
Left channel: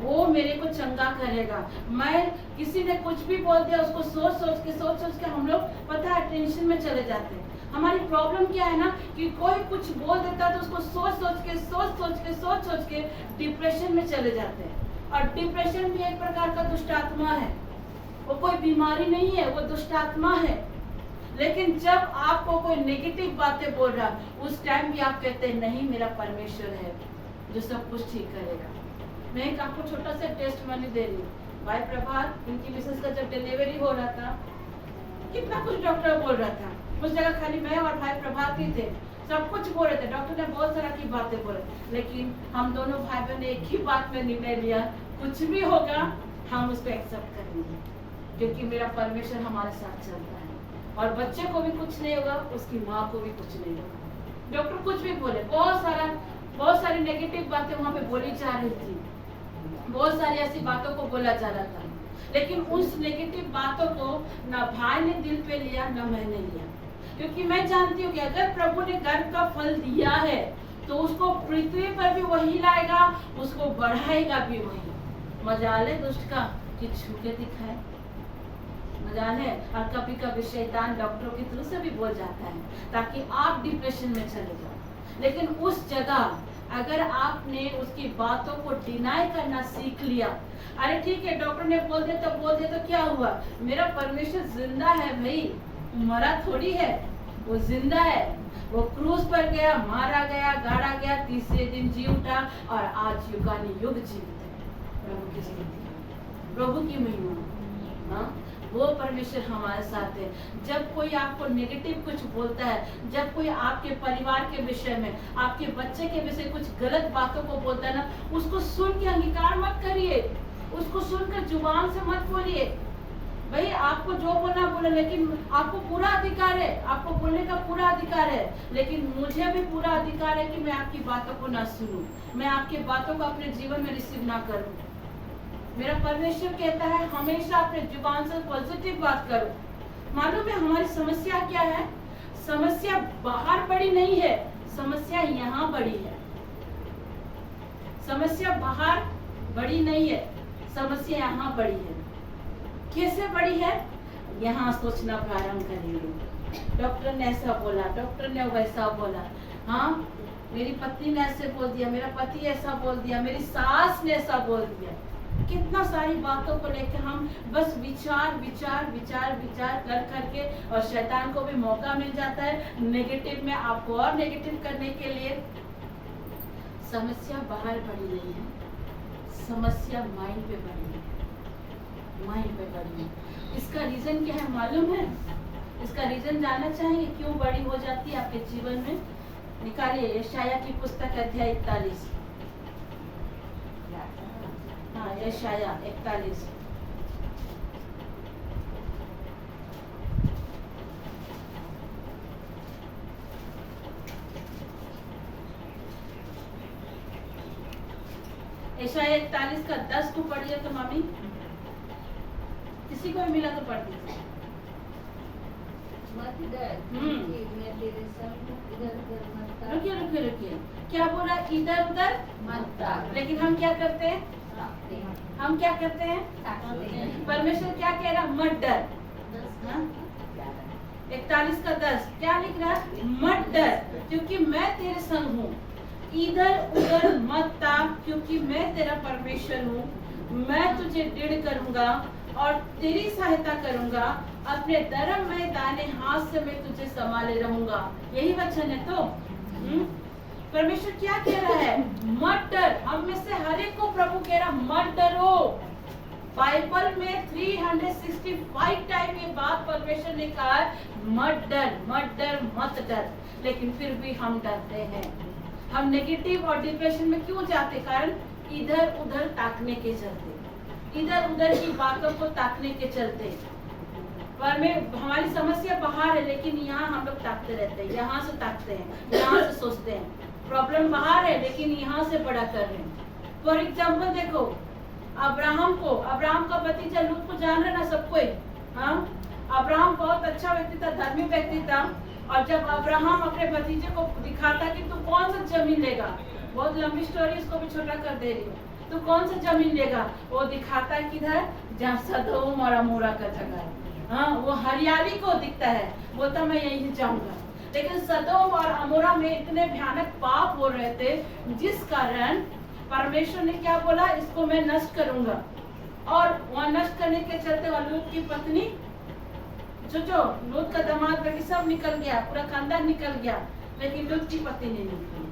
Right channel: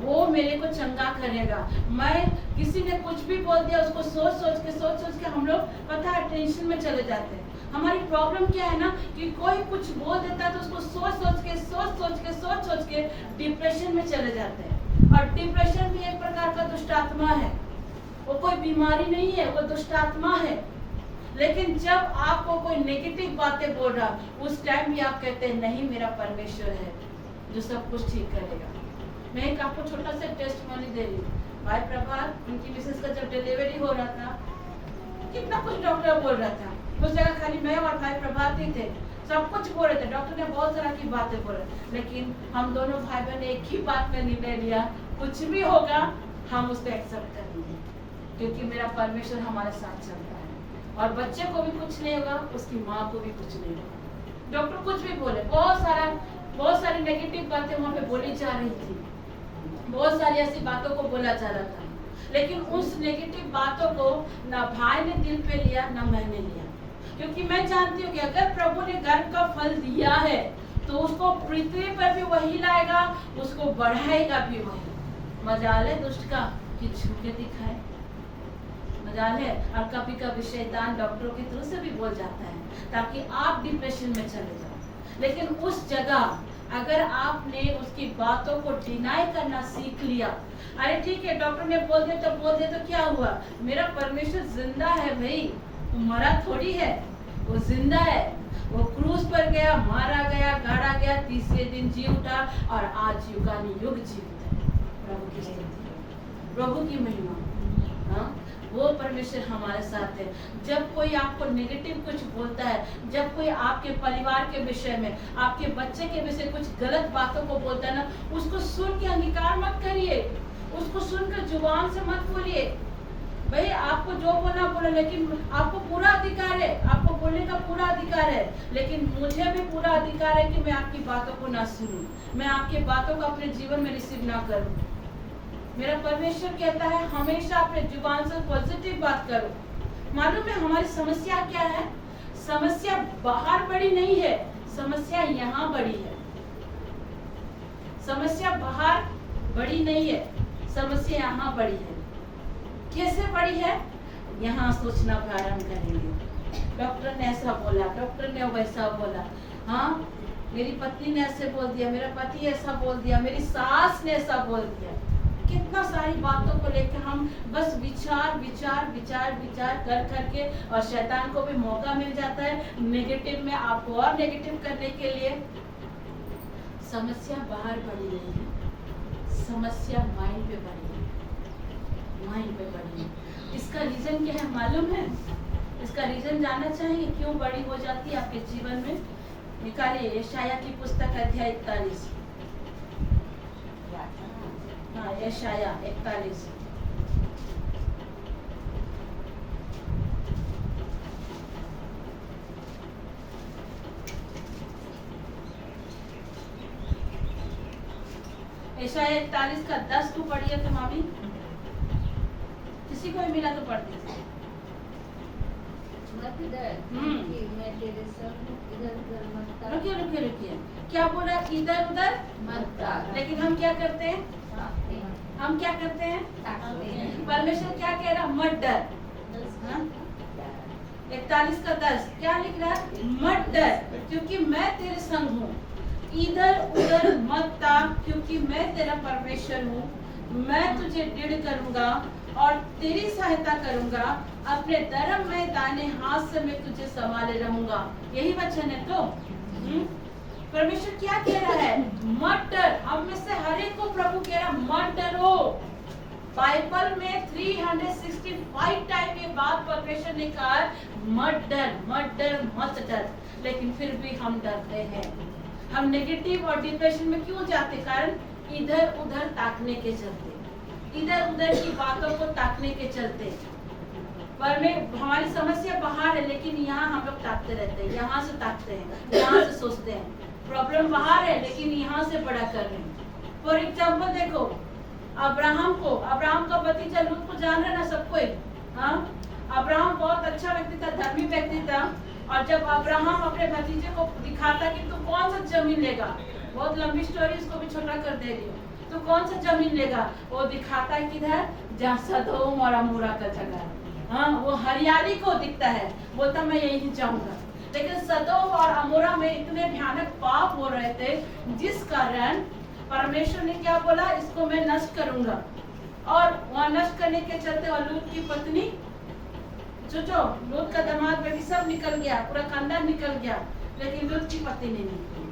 वो मेरे को चंगा करेगा। मैं किसी ने कुछ भी बोल दिया, उसको सोच के हम लोग पता है टेंशन में चले जाते हैं। हमारी प्रॉब्लम क्या है ना, कि कोई कुछ बोल देता है तो उसको सोच के डिप्रेशन में चले जाते हैं। और डिप्रेशन भी एक प्रकार का दुष्ट आत्मा है, वो कोई बीमारी नहीं है, वो दुष्ट आत्मा है। लेकिन जब आपको कोई नेगेटिव बातें बोल रहा, उस टाइम भी आप कहते हैं नहीं, मेरा परमेश्वर है जो सब कुछ ठीक करेगा। मैं एक आपको छोटा सा टेस्ट मनी दे रही हूँ। भाई प्रभात, उनकी मिसेस का जब डिलीवरी हो रहा था, कितना कुछ डॉक्टर बोल रहा था, उस जगह खाली मैं और भाई प्रभात ही थे, सब कुछ बोल रहे थे, डॉक्टर ने बहुत सारा की बातें बोले, लेकिन हम दोनों भाई बहन एक ही बात में निर्णय लिया, कुछ भी होगा हम उसको एक्सेप्ट करेंगे, क्योंकि मेरा परमेश्वर हमारे साथ चलता है। और बच्चे को भी कुछ नहीं होगा, उसकी माँ को भी कुछ नहीं होगा। डॉक्टर कुछ भी बोले, बहुत सारी नेगेटिव बातें वहाँ पे बोली जा रही थी, बहुत सारी ऐसी बातों को बोला जा रहा था, लेकिन उस नेगेटिव बातों को ना भाई ने दिल पे लिया ना मैंने लिया, क्योंकि मैं जानती हूँ कि अगर प्रभु ने गर्भ का फल दिया है तो उसको पृथ्वी पर भी वही लाएगा, उसको बढ़ाएगा भी वही। मजाल है दुष्ट का कि झुके दिखाए, मजाल है। और कभी कभी शैतान डॉक्टरों के थ्रू से भी बोल जाता है ताकि आप डिप्रेशन में चले जाओ। लेकिन उस जगह अगर आपने उसकी बातों को डिनाई करना सीख लिया, अरे ठीक है डॉक्टर ने बोल दे तो क्या हुआ, मेरा परमेश्वर जिंदा है भाई, मरा थोड़ी है, वो जिंदा है। वो क्रूस पर गया, मारा गया, गाड़ा गया, तीसरे दिन जी उठा और आज युगानुयुग जीवित है। प्रभु की स्तुति, प्रभु की महिमा। हाँ, वो परमेश्वर हमारे साथ है। जब कोई आपको नेगेटिव कुछ बोलता है, जब कोई आपके परिवार के विषय में, आपके बच्चे के विषय कुछ गलत बातों को बोलता है ना, उसको सुन के अंगीकार मत करिए, उसको सुनकर जुबान से मत बोलिए। भाई आपको जो बोलना बोले, लेकिन आपको पूरा अधिकार है, आपको बोलने का पूरा अधिकार है, लेकिन मुझे भी पूरा अधिकार है कि मैं आपकी बातों को ना सुनूं, मैं आपकी बातों को अपने जीवन में रिसीव ना करूं। मेरा परमेश्वर कहता है हमेशा अपने जुबान से पॉजिटिव बात करो। मालूम है हमारी समस्या क्या है? समस्या बाहर बड़ी नहीं है, समस्या यहाँ बड़ी है। समस्या बाहर बड़ी नहीं है, समस्या यहाँ बड़ी है। कैसे बड़ी है? यहाँ सोचना प्रारंभ करेंगे, डॉक्टर ने ऐसा बोला, डॉक्टर ने वैसा बोला, हाँ मेरी पत्नी ने ऐसे बोल दिया, मेरा पति ऐसा बोल दिया, मेरी सास ने ऐसा बोल दिया। कितना सारी बातों को लेकर हम बस विचार विचार विचार विचार कर करके, और शैतान को भी मौका मिल जाता है नेगेटिव में आपको और नेगेटिव करने के लिए। समस्या बाहर बड़ी नहीं है, समस्या माइंड पे बड़ी है, माइंड पे बड़ी है। इसका रीजन क्या है मालूम है? इसका रीजन जानना चाहिए क्यों बड़ी हो जाती है आपके जीवन में? निकालिए यशाया की पुस्तक अध्याय 41। हाँ, यशाया 41। यशाया 41 का 10 को पढ़िए तो मामी, किसी को भी मिला तो पढ़ दीजिए। रुकिए रुकिए रुकिए, क्या बोला? इधर उधर मत। लेकिन हम क्या करते हैं? हम क्या करते हैं? परमेश्वर क्या कह रहा? मत डर। 41 का 10 क्या लिख रहा है? मत डर क्योंकि मैं तेरे संग हूँ, इधर उधर मत ताक क्योंकि मैं तेरा परमेश्वर हूँ। मैं तुझे दृढ़ करूंगा और तेरी सहायता करूंगा, अपने धर्म में दाहिने हाथ से मैं तुझे संभाले रहूंगा। यही वचन है तो परमेश्वर क्या कह रहा है? मत डर। हम में से हर एक को प्रभु कह रहा मत डरो। बाइबल में 365 टाइम ये बात परमेश्वर ने कहा मत डर, मत डर, मत डर। लेकिन फिर भी हम डरते हैं। हम नेगेटिव और डिप्रेशन में क्यों जाते? कारण इधर उधर ताकने के चलते, इधर उधर की बातों को ताकने के चलते। पर में हमारी समस्या बाहर है, लेकिन यहाँ हम लोग ताकते रहते हैं, यहाँ से ताकते हैं, यहाँ से सोचते हैं। प्रॉब्लम बाहर है लेकिन यहाँ से बड़ा कर रहे हैं। फॉर एग्जाम्पल देखो अब्राहम का भतीजा लूत को जान रहे ना सब कोई। हाँ, अब्राहम बहुत अच्छा व्यक्ति था, धर्मी व्यक्ति था। और जब अब्राहम अपने भतीजे को दिखाता कि तू कौन सा जमीन लेगा, बहुत लंबी स्टोरी, उसको भी छोटा कर दे रही हूँ, तो कौन सा जमीन लेगा? वो दिखाता है किधर? जहाँ सदोम और अमोरा का जगह है। हाँ, वो हरियाली को दिखता है, बोलता मैं यहीं जाऊंगा। लेकिन सदोम और अमोरा में इतने भयानक पाप हो रहे थे, जिस कारण परमेश्वर ने क्या बोला? इसको मैं नष्ट करूंगा। और वहाँ नष्ट करने के चलते और लूत की पत्नी जो लूत का दामाद बेटी सब निकल गया, पूरा खानदान निकल गया, लेकिन लूत की पत्नी नहीं निकली।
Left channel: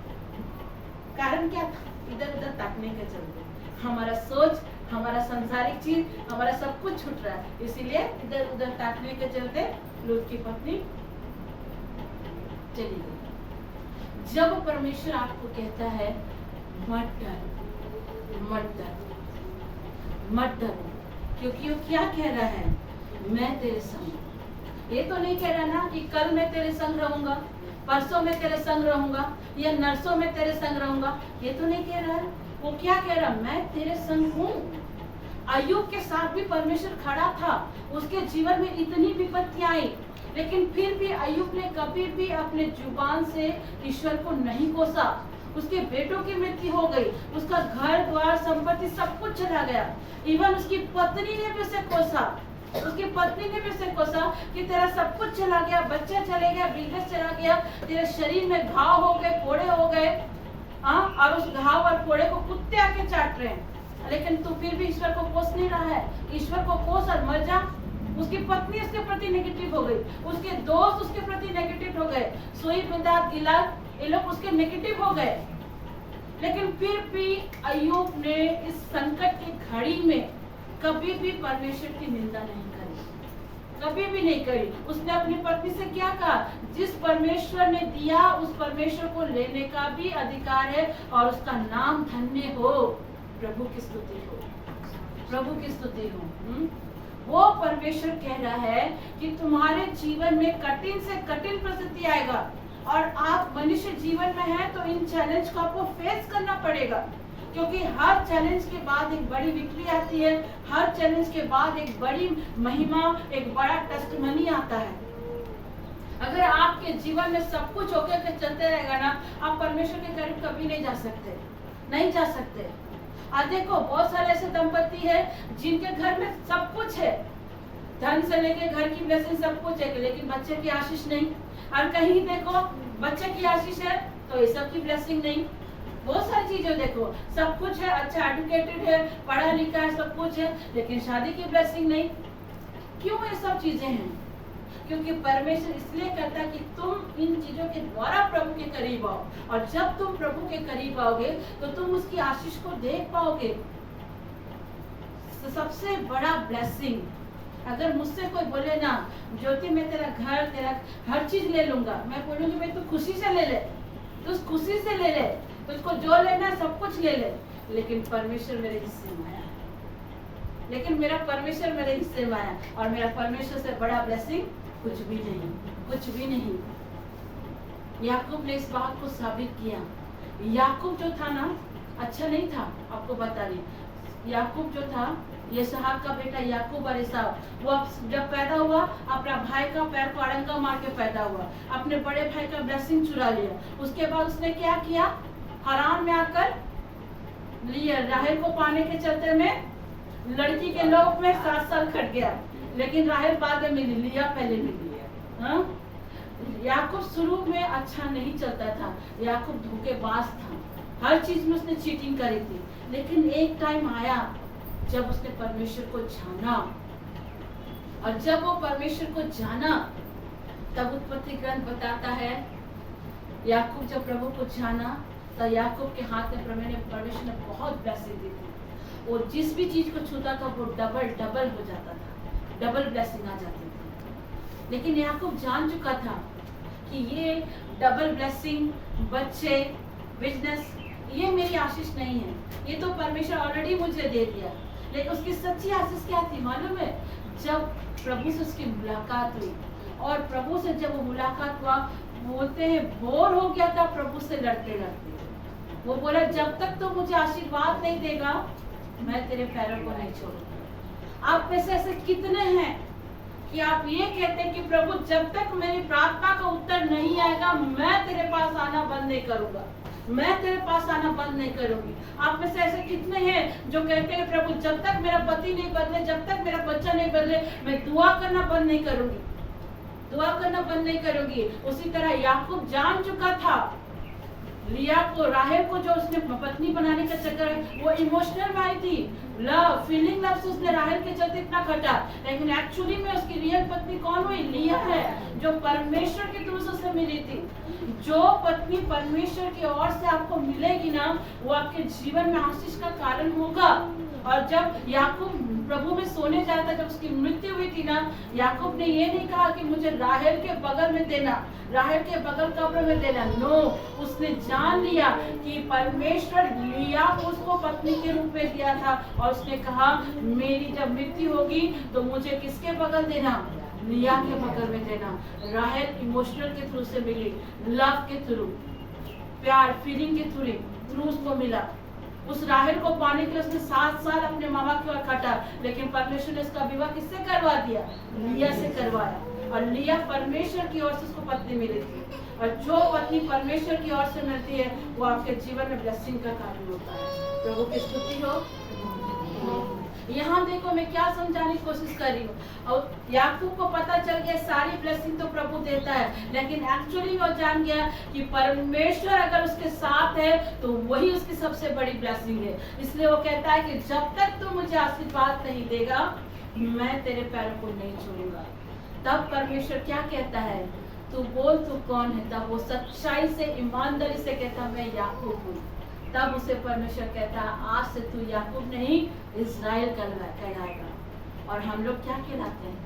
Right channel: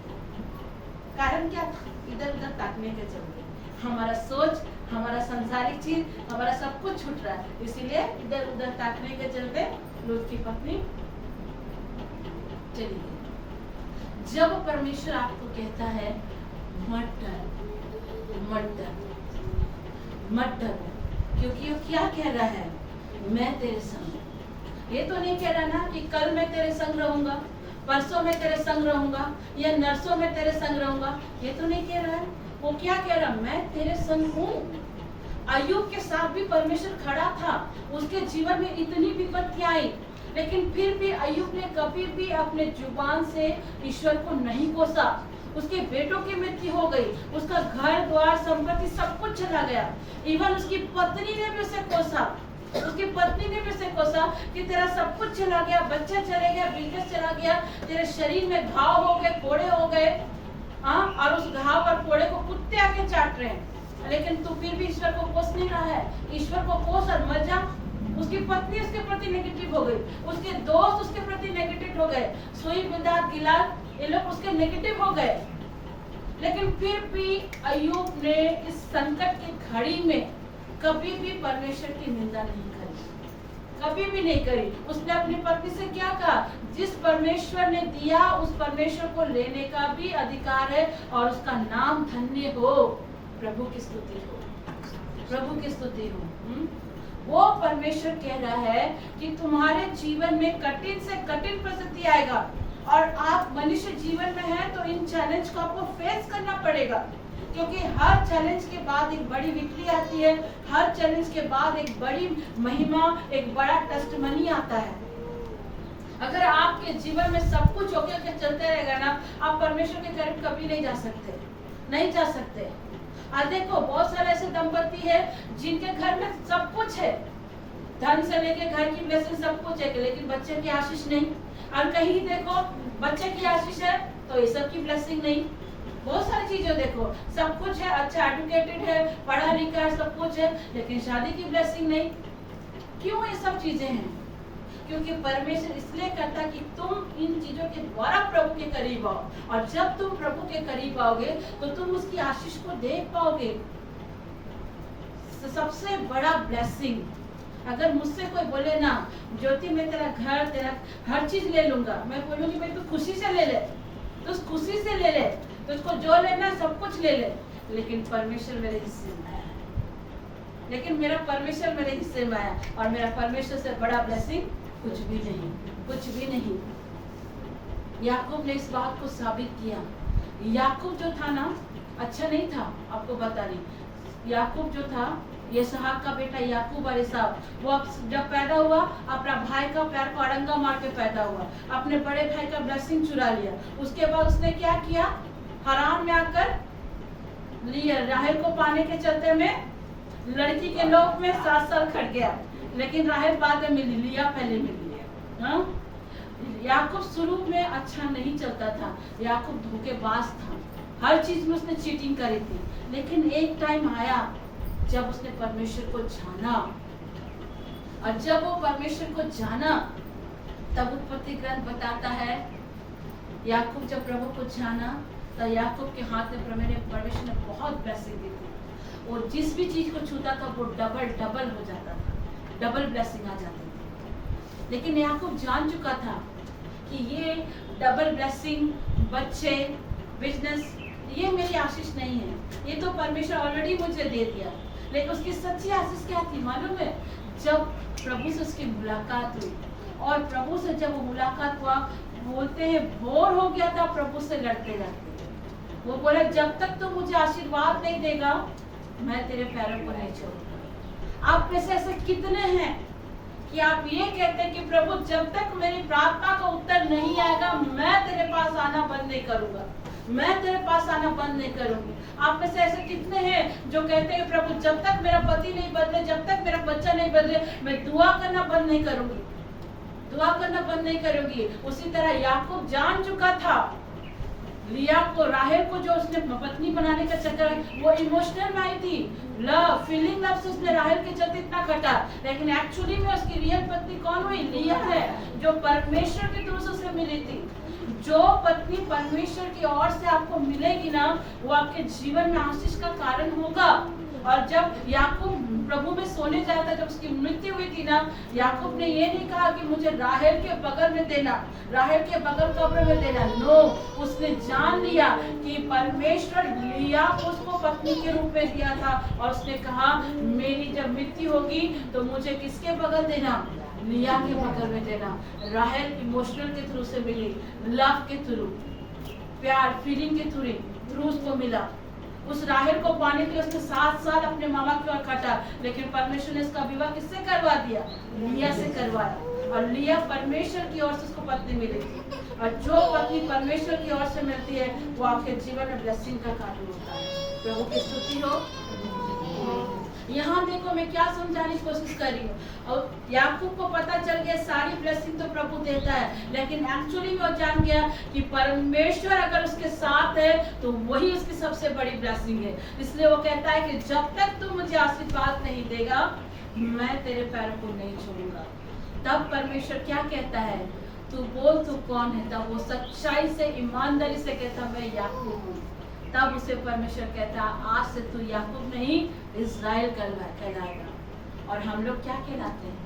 कारण क्या था? इधर उधर ताकने के चलते हमारा सोच, हमारा सांसारिक चीज, हमारा सब कुछ छूट रहा है। इसीलिए इधर उधर ताकने के चलते लूत की पत्नी चली गई। जब परमेश्वर आपको कहता है मत डर, मत डर, मत डरो, क्योंकि वो क्या कह रहा है? मैं तेरे संग। ये तो नहीं कह रहा ना कि कल मैं तेरे संग रहूंगा, परसों में तेरे संग रहूंगा, या नरसों में तेरे संग रहूंगा। ये तो नहीं कह रहा है। वो क्या कह रहा? मैं तेरे संग हूँ। अय्यूब के साथ भी परमेश्वर खड़ा था। उसके जीवन में इतनी विपत्ति आई, लेकिन फिर भी अय्यूब ने कभी भी अपने जुबान से ईश्वर को नहीं कोसा। उसके बेटों की मृत्यु हो गई, उसका घर द्वार संपत्ति सब कुछ चला गया। इवन उसकी पत्नी ने भी उसे कोसा, उसकी पत्नी ने भी उसे कोसा कि तेरा सब कुछ चला गया, बच्चा चले गया, बिजनेस चला गया, तेरे शरीर में घाव हो गए, फोड़े हो गए, हाँ, और उस घाव और फोड़े को कुत्ते आके चाट रहे हैं, लेकिन तू फिर भी ईश्वर को कोस नहीं रहा है। ईश्वर को कोस और मर जा। उसकी पत्नी उसके प्रति नेगेटिव हो गई, उसके दोस्त उसके प्रति नेगेटिव हो गए, सोई बिल्दाद गिलाद ये लोग उसके नेगेटिव हो गए। लेकिन फिर भी अय्यूब ने इस संकट की घड़ी में कभी भी परमेश्वर की निंदा नहीं करी, कभी भी नहीं करी। उसने अपनी पत्नी से क्या कहा, जिस परमेश्वर ने दिया उस परमेश्वर को लेने का भी अधिकार है और उसका नाम धन्य हो। प्रभु की स्तुति हो, प्रभु की स्तुति हो। वो परमेश्वर कह रहा है कि तुम्हारे जीवन में कठिन से कठिन परिस्थिति आएगा और आप मनुष्य जीवन में हैं तो इन चैलेंज को आपको फेस करना पड़ेगा, क्योंकि हर चैलेंज के बाद एक बड़ी विक्ट्री आती है, हर चैलेंज के बाद एक बड़ी महिमा, एक बड़ा टेस्टिमनी आता है। अगर आपके जीवन में सब कुछ होके चलते रहेगा ना, आप परमेश्वर के करीब कभी नहीं जा सकते, नहीं जा सकते। आज देखो बहुत सारे ऐसे दंपति है जिनके घर में सब कुछ है, धन से लेके घर की ब्लेसिंग सब कुछ है, लेकिन बच्चे की आशीष नहीं। और कहीं देखो बच्चे की आशीष है तो ये सब की ब्लेसिंग नहीं। बहुत सारी चीजें देखो, सब कुछ है, अच्छा एजुकेटेड है, पढ़ा लिखा है, सब कुछ है, लेकिन शादी की ब्लेसिंग नहीं। क्यों ये सब चीजें हैं? क्योंकि परमेश्वर इसलिए करता कि तुम इन चीजों के द्वारा प्रभु के करीब आओ, और जब तुम प्रभु के करीब आओगे तो तुम उसकी आशीष को देख पाओगे। सबसे बड़ा ब्लेसिंग, अगर मुझसे कोई बोले ना ज्योति मैं तेरा घर, तेरा हर चीज ले लूंगा, मैं बोलूंगी मैं तू खुशी से ले ले, तो उस खुशी से ले ले, तो उसको जो लेना सब कुछ ले ले, लेकिन परमेश्वर मेरे हिस्से में आया, लेकिन मेरा परमेश्वर मेरे हिस्से में आया, और मेरा परमेश्वर से बड़ा ब्लेसिंग कुछ भी नहीं, कुछ भी नहीं। याकूब ने इस बात को साबित किया। याकूब जो था ना अच्छा नहीं था, आपको बता रही। याकूब जो था, ये इसहाक का बेटा याकूब और ईसाव, वो जब पैदा हुआ अपना भाई का पैर को अड़ंगा मार के पैदा हुआ, अपने बड़े भाई का ब्लेसिंग चुरा लिया। उसके बाद उसने क्या किया, हरान में आकर लिया, राहेल को पाने के चलते में लड़की के लोभ में 7 साल खट गया, लेकिन राहेल बाद में मिली, लिया पहले मिली। हाँ? याकूब शुरू में अच्छा नहीं चलता था, याकूब धोखेबाज था, हर चीज में उसने चीटिंग करी थी, लेकिन एक टाइम आया जब उसने परमेश्वर को जाना, और जब वो परमेश्वर को जाना तब उत्पत्ति ग्रंथ बताता है याकूब जब प्रभु को जाना तो याकूब के हाथ में परमेश्वर ने बहुत ब्लेसिंग दी थी। और जिस भी चीज को छूता था वो डबल डबल हो जाता था, डबल ब्लेसिंग आ जाती थी। लेकिन याकूब जान चुका था कि ये डबल ब्लेसिंग, बच्चे, बिजनेस, ये मेरी आशीष नहीं है, ये तो परमेश्वर ऑलरेडी मुझे दे दिया। लेकिन उसकी सच्ची आशीष क्या थी मालूम है? जब प्रभु से उसकी मुलाकात हुई, और प्रभु से जब वो मुलाकात हुआ, बोलते हैं बोर हो गया था प्रभु से लड़ते लड़ते। वो बोले जब तक तो मुझे आशीर्वाद नहीं देगा मैं तेरे पैरों को नहीं छोड़ूंगा। आप में से ऐसे कितने हैं कि आप ये कहते हैं कि प्रभु जब तक मेरी प्रार्थना का उत्तर नहीं आएगा मैं तेरे पास आना बंद नहीं करूंगा, मैं तेरे पास आना बंद नहीं करूंगी। आप में से ऐसे कितने हैं जो कहते हैं प्रभु जब तक मेरा पति नहीं बदले, जब तक मेरा बच्चा नहीं बदले, मैं दुआ करना बंद नहीं करूंगी, दुआ करना बंद नहीं करूंगी। उसी तरह याकूब जान चुका था, लिया को, राहेल को जो उसने पत्नी बनाने का चक्कर है वो इमोशनल में आई थी, लव, फीलिंग लव से उसने राहेल के चलते इतना खटा, लेकिन एक्चुअली में उसकी रियल पत्नी कौन हुई? लिया है, जो परमेश्वर के थ्रू से उसे मिली थी। जो पत्नी परमेश्वर की ओर से आपको मिलेगी ना, वो आपके जीवन में आशीष का कारण होगा। और जब याकूब प्रभु में सोने जाता, जब उसकी मृत्यु हुई थी ना, याकूब ने ये नहीं कहा कि मुझे राहेल के बगल में देना, राहेल के बगल कब्र में देना, नो, उसने जान लिया कि परमेश्वर लिया उसको पत्नी के रूप में दिया था, और उसने कहा मेरी जब मृत्यु होगी तो मुझे किसके बगल देना? लिया के बगल में देना। राहेल इमोशनल के थ्रू से मिली, लव के थ्रू, प्यार, फीलिंग के थ्रू उसको मिला। उस राहेल को पाने के लिए उसने 7 साल अपने मामा की ओर खटा, लेकिन परमेश्वर ने इसका विवाह किससे करवा दिया? लिया से करवाया। और लिया परमेश्वर की ओर से उसको पत्नी मिली थी, और जो पत्नी परमेश्वर की ओर से मिलती है वो आपके जीवन में ब्लेसिंग का कारण होता है। प्रभु की स्तुति हो। यहाँ देखो मैं क्या समझाने की कोशिश कर रही हूँ। और याकूब को पता चल गया सारी ब्लेसिंग तो प्रभु देता है, लेकिन एक्चुअली वो जान गया कि परमेश्वर अगर उसके साथ है तो वही उसकी सबसे बड़ी ब्लेसिंग है। इसलिए वो कहता है कि जब तक तू मुझे आशीर्वाद नहीं देगा मैं तेरे पैरों को नहीं छोड़ूंगा। तब परमेश्वर क्या कहता है? तू बोल तू कौन है? तब वो सच्चाई से ईमानदारी से कहता मैं याकूब हूँ। तब उसे परमेश्वर कहता आज से तू याकूब नहीं इज़राइल कहलाएगा। और हम लोग क्या कहलाते हैं?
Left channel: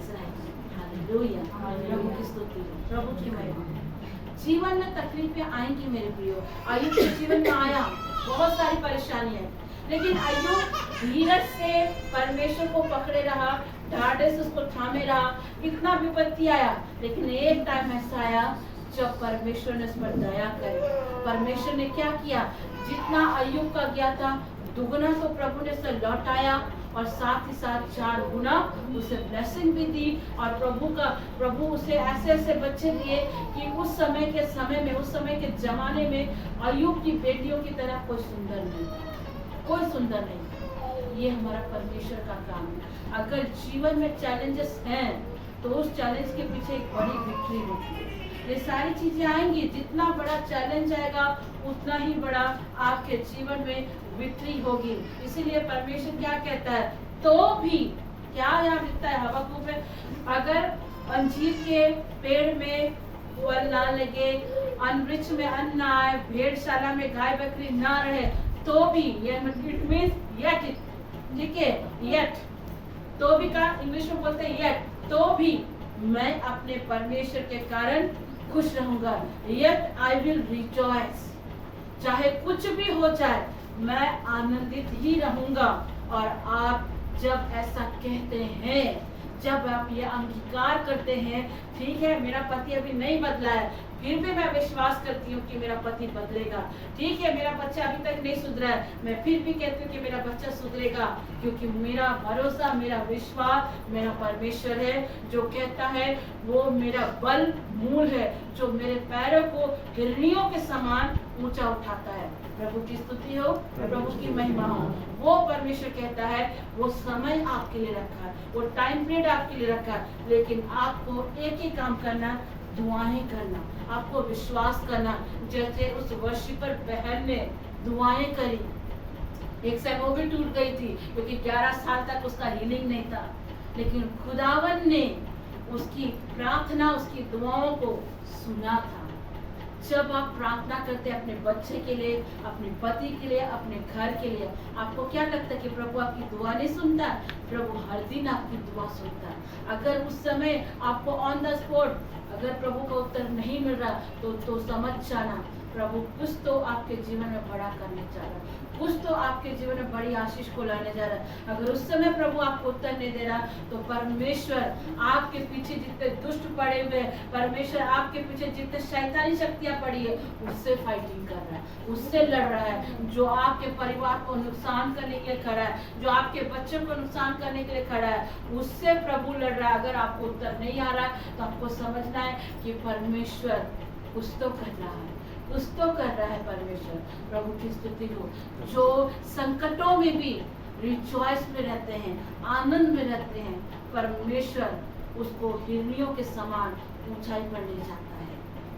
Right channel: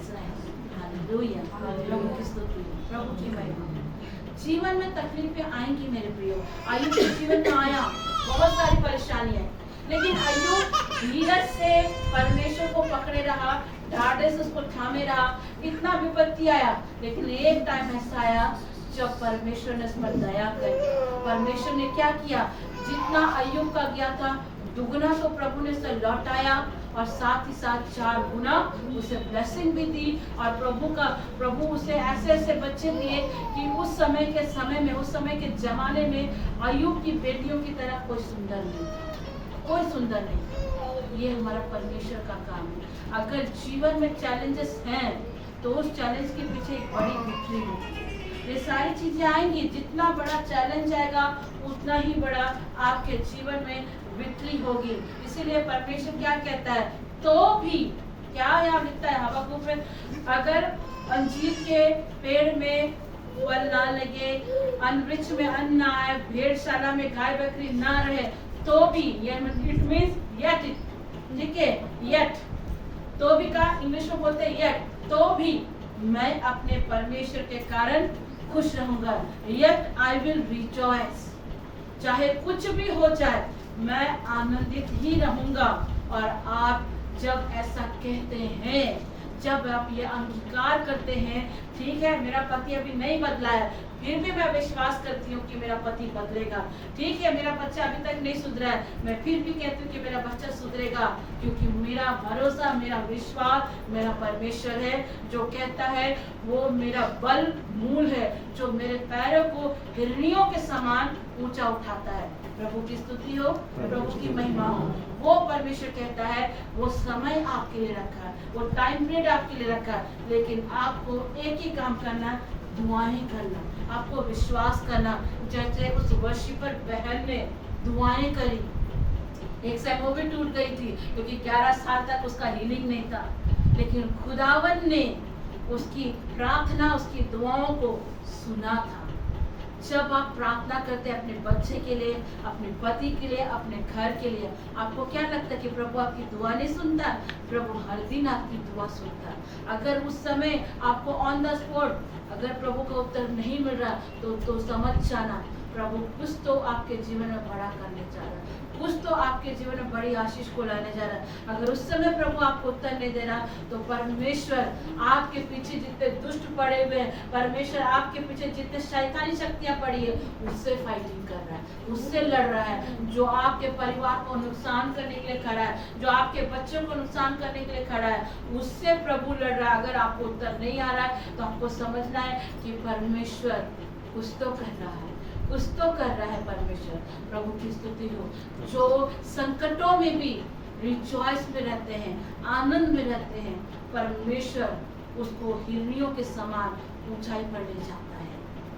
इज़राइल। हालेलुया। प्रभु की स्तुति, प्रभु की महिमा। जीवन में तकलीफें आएंगी मेरे प्रियो। अय्यूब के जीवन में आया बहुत सारी परेशानियां, लेकिन अय्यूब धीरज से परमेश्वर को पकड़े रहा, ढाढ़े से उसको थामे रहा। कितना विपत्ति आया, लेकिन एक टाइम ऐसा आया जब परमेश्वर ने उस पर दया करी। परमेश्वर ने क्या किया? जितना अय्यूब का गया था दुगुना तो प्रभु ने उसे लौटाया, और साथ ही साथ 4 गुना उसे ब्लेसिंग भी दी। और प्रभु उसे ऐसे ऐसे बच्चे दिए कि उस समय के जमाने में अय्यूब की बेटियों की तरह कोई सुंदर नहीं था, कोई सुंदर नहीं था। ये हमारा परमेश्वर का काम है। अगर जीवन में चैलेंजेस हैं तो उस चैलेंज के पीछे एक बड़ी विक्ट्री होती है। ये सारी चीजें आएंगी, जितना बड़ा चैलेंज आएगा उतना ही बड़ा आपके जीवन में विक्ट्री होगी। इसीलिए परमेश्वर क्या कहता है? तो भी क्या यहाँ लिखता है हबक्कुक में? अगर अंजीर के पेड़ में फल ना लगे, वृक्ष में अन्न ना आए, भेड़शाला में गाय बकरी ना रहे, तो भी, ये इट मींस येट, ठीक है, येट, तो भी का इंग्लिश में बोलते हैं येट, तो भी मैं अपने परमेश्वर के कारण खुश रहूंगा। Yet I will rejoice। चाहे कुछ भी हो जाए मैं आनंदित ही रहूंगा। और आप जब ऐसा कहते हैं, जब आप ये अंगीकार करते हैं, ठीक है मेरा पति अभी नहीं बदला है, फिर भी मैं विश्वास करती हूँ कि मेरा पति बदलेगा। ठीक है मेरा बच्चा अभी तक नहीं सुधरा है, मैं फिर भी कहती हूँ कि मेरा बच्चा सुधरेगा, क्योंकि मेरा भरोसा, मेरा विश्वास मेरा परमेश्वर है, जो कहता है वो मेरा बल मूल है, जो मेरे पैरों को हिरणियों के समान ऊंचा उठाता है। प्रभु की स्तुति हो, प्रभु की महिमा हो। वो परमेश्वर कहता है वो समय आपके लिए रखा है, वो टाइम पीरियड आपके लिए रखा है, लेकिन आपको एक ही काम करना, दुआएं करना, आपको विश्वास करना। जैसे उस वर्शिपर बहन ने दुआएं करी, एक समय वो भी टूट गई थी क्योंकि 11 साल तक उसका हीलिंग नहीं था, लेकिन खुदावन ने उसकी प्रार्थना, उसकी दुआओं को सुना था। जब आप प्रार्थना करते हैं अपने बच्चे के लिए, अपने पति के लिए, अपने घर के लिए, आपको क्या लगता है कि प्रभु आपकी दुआ नहीं सुनता? प्रभु हर दिन आपकी दुआ सुनता है। अगर उस समय आपको ऑन द स्पॉट अगर प्रभु का उत्तर नहीं मिल रहा तो समझ जाना प्रभु कुछ तो आपके जीवन में बड़ा करने जा रहा है, कुछ तो आपके जीवन में बड़ी आशीष को लाने जा रहा है। अगर उस समय प्रभु आपको उत्तर नहीं दे रहा तो परमेश्वर आपके पीछे जितने दुष्ट पड़े हुए हैं, परमेश्वर आपके पीछे जितने शैतानी शक्तियां पड़ी है, उससे फाइटिंग कर रहा है, उससे लड़ रहा है। जो आपके परिवार को नुकसान करने के लिए खड़ा है, जो आपके बच्चों को नुकसान करने के लिए खड़ा है, उससे प्रभु लड़ रहा है। अगर आपको उत्तर नहीं आ रहा है तो आपको समझना है कि परमेश्वर कुछ तो कर रहा है, कुछ तो कर रहा है परमेश्वर। प्रभु की स्तुति हो। जो संकटों में भी रिजॉइस में रहते हैं, आनंद में रहते हैं, परमेश्वर उसको हिरणियों के समान ऊंचाई पर ले जाता है।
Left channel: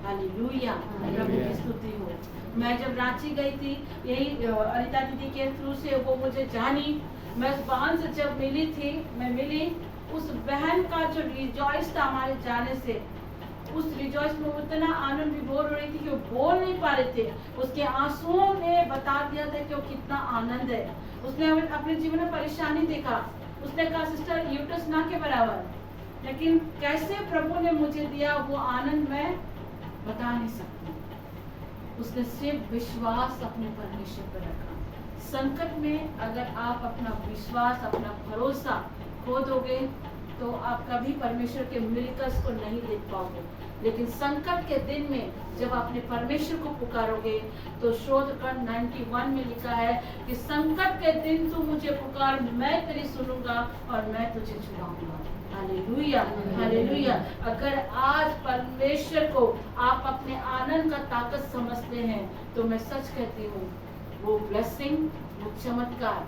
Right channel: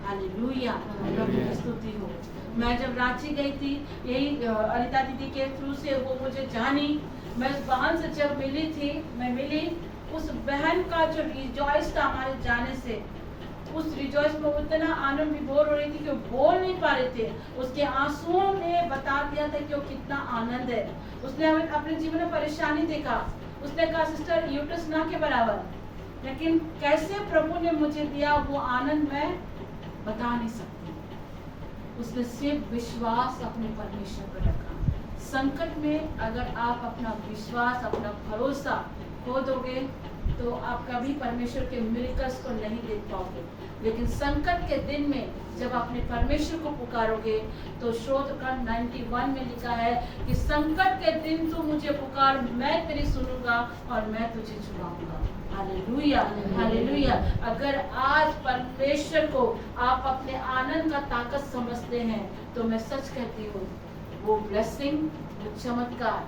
हालेलुया, प्रभु की स्तुति हो। मैं जब रांची गई थी, यही अनिता दीदी के थ्रू से वो मुझे जानी, मैं उस बहन से जब मिली, उस बहन का जो रिजॉइस था हमारे जाने से, उस रिजॉइस में उतना आनंद विभोर हो रही थी कि वो बोल नहीं पा रहे थे। उसके आंसुओं ने बता दिया था कि वो कितना आनंद है। उसने हमें अपने जीवन में परेशानी देखा, उसने कहा सिस्टर यूट्रस ना के बराबर, लेकिन कैसे प्रभु ने मुझे दिया वो आनंद मैं बता नहीं सकती। उसने सिर्फ विश्वास अपने परमेश्वर पर रखा। संकट में अगर आप अपना विश्वास, अपना भरोसा खो दोगे तो आप कभी परमेश्वर के मिरेकल्स को नहीं देख पाओगे। लेकिन संकट के दिन में जब अपने परमेश्वर को पुकारोगे तो शोधखंड 91 में लिखा है कि संकट के दिन तू मुझे पुकार, मैं तेरी सुनूंगा और मैं तुझे छुड़ाऊंगा। Hallelujah, hallelujah. अगर आज परमेश्वर को आप अपने आनंद का ताकत समझते हैं तो मैं सच कहती हूँ, वो ब्लेसिंग, वो चमत्कार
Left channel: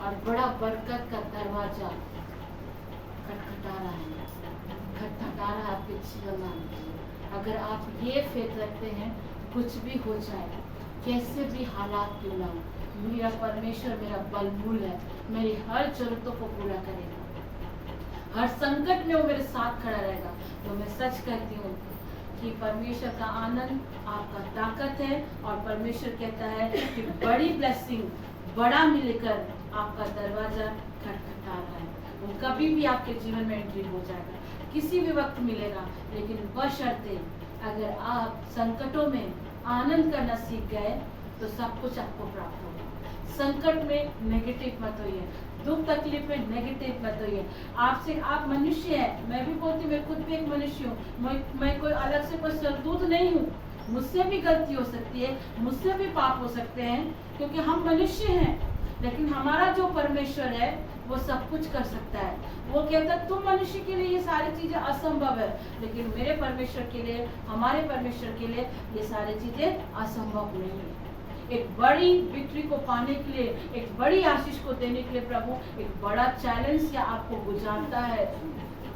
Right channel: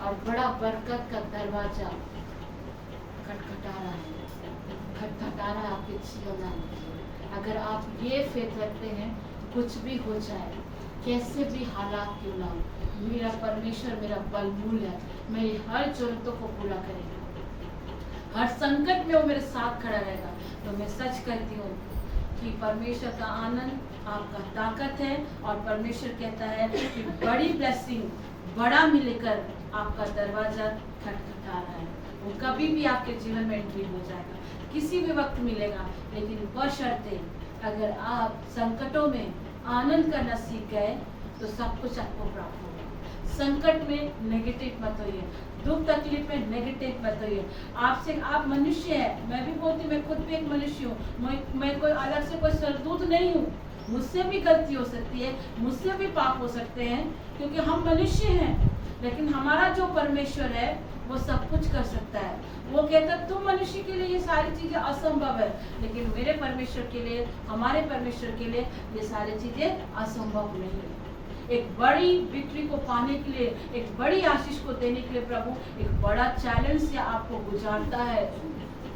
और बड़ा बरकत का दरवाजा खटखटा रहा है आपके जीवन में। अगर आप ये फेथ रखते हैं, कुछ भी हो जाए, कैसे भी हालात क्यों ना हो, मेरा परमेश्वर मेरा बलमूल है, मेरी हर जरूरतों को पूरा करेगा, हर संकट में वो मेरे साथ खड़ा रहेगा। तो मैं सच कहती हूँ कि परमेश्वर का आनंद आपका ताकत है और परमेश्वर कहता है कि बड़ी ब्लेसिंग, बड़ा मिलकर आपका दरवाजा खटखटा रहा है। वो कभी भी आपके जीवन में एंट्री हो जाएगा, किसी भी वक्त मिलेगा, लेकिन बशर्ते अगर आप संकटों में आनंद करना सीख गए तो सब कुछ आपको प्राप्त होगा। संकट में नेगेटिव मत होइए, दुख तकलीफ में नेगेटिव मत होइए। आपसे आप मनुष्य है, मैं भी बोलती, मैं खुद भी एक मनुष्य हूँ, मैं कोई अलग से कोई सरदूत नहीं हूँ, मुझसे भी गलती हो सकती है, मुझसे भी पाप हो सकते हैं, क्योंकि हम मनुष्य हैं। लेकिन हमारा जो परमेश्वर है वो सब कुछ कर सकता है। वो कहता है तुम मनुष्य के लिए ये सारी चीजें असंभव है, लेकिन मेरे परमेश्वर के लिए, हमारे परमेश्वर के लिए ये सारी चीजें असंभव नहीं है। एक बड़ी विक्ट्री को पाने के लिए, एक बड़ी आशीष को देने के लिए प्रभु एक बड़ा चैलेंज से आपको गुजारता है,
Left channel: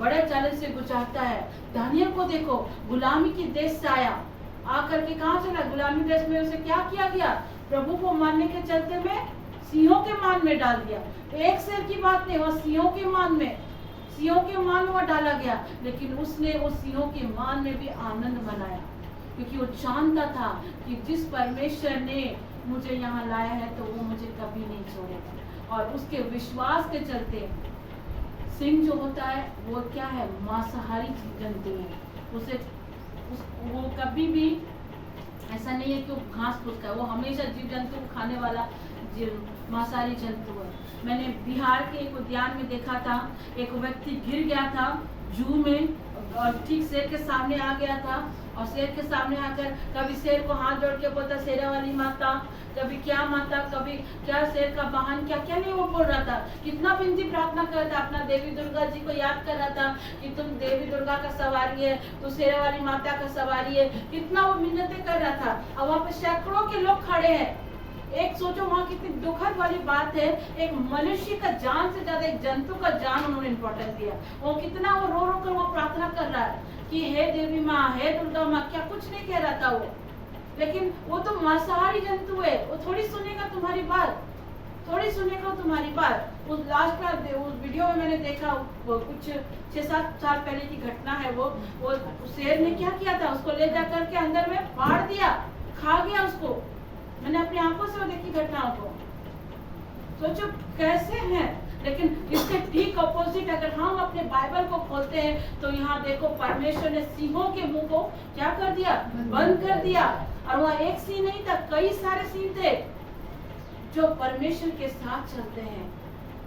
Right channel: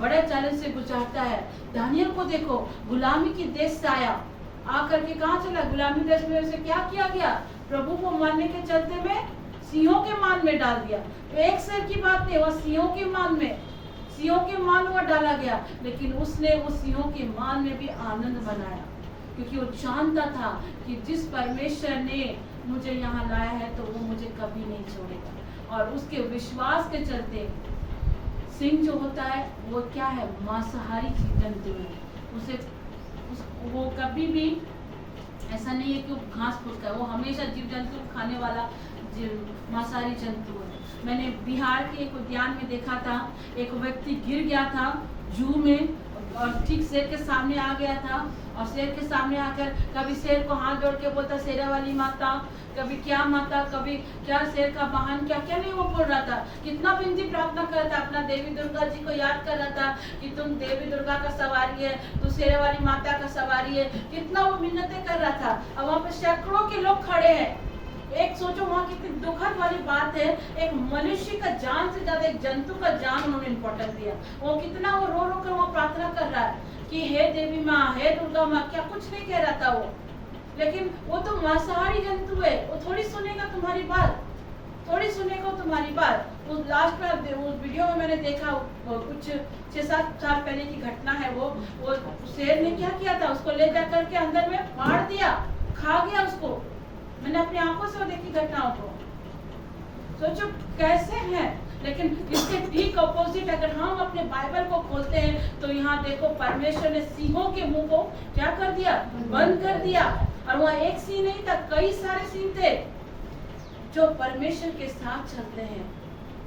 बड़े चैलेंज से गुजारता है। दानियल को देखो, गुलामी की देश से आया, आकर के कहाँ चला, गुलामी देश में उसे क्या किया गया, प्रभु को मानने के चलते में सिंहों के मान में डाल दिया। तो एक शेर की बात नहीं, वह सिंहों के मान में, सिंहों के मान में डाला गया, लेकिन उसने उस सिंहों के मान में भी आनंद मनाया, क्योंकि वो जानता था कि जिस परमेश्वर ने मुझे यहाँ लाया है तो वो मुझे कभी नहीं छोड़ेगा। और उसके विश्वास के चलते सिंह जो होता है वो क्या है, मांसाहारी जंतु है, वो कभी भी ऐसा नहीं है कि वो घास फूस का, वो हमेशा जीव जंतु खाने वाला मांसाहारी जंतु है। मैंने बिहार के एक उद्यान में देखा था, एक व्यक्ति गिर गया था जू में और ठीक शेर के सामने आ गया था, और शेर के सामने आकर कभी शेर को हाथ जोड़ के बोलता शेरा वाली माता, कभी क्या माता, कभी क्या शेर का वाहन, क्या क्या नहीं वो बोल रहा था, कितना विनती प्रार्थना कर रहा था, अपना देवी दुर्गा जी को याद कर रहा था कि तुम देवी दुर्गा का सवारी है, तू शेरा वाली माता का सवारी है, कितना वो मिन्नतें कर रहा था। और वहाँ पे सैकड़ों के लोग खड़े हैं। एक सोचो वहाँ कितनी दुखद वाली बात है, एक मनुष्य का जान से ज्यादा एक जंतु का जान उन्होंने इम्पोर्टेंस दिया। वो कितना वो रो रो कर वो प्रार्थना कर रहा है कि हे देवी माँ, हे दुर्गा माँ, क्या कुछ नहीं कह रहा था वो, लेकिन वो तो मांसाहारी जंतु है, वो थोड़ी सुनेगा तुम्हारी बात, थोड़ी सुनेगा तुम्हारी बात। उस लास्ट में उस वीडियो में मैंने देखा, वो कुछ 6-7 साल पहले की घटना है, वो शेर ने क्या किया था, उसको ले जाकर के अंदर में फाड़ दिया, खा गया उसको। मैंने अपनी आंखों से वो देखी घटनाओं को। सोचो कैसे हैं। लेकिन इसके ठीक ऑपोजिट अगर हम अपने बाइबल को खोलते हैं तो यहाँ देखो परमेश्वर ने सिंहों के मुंह को क्या कर दिया, बंद कर दिया। और वह एक सिंह नहीं था, कई सारे सिंह थे जो परमेश्वर के साथ चलते हैं।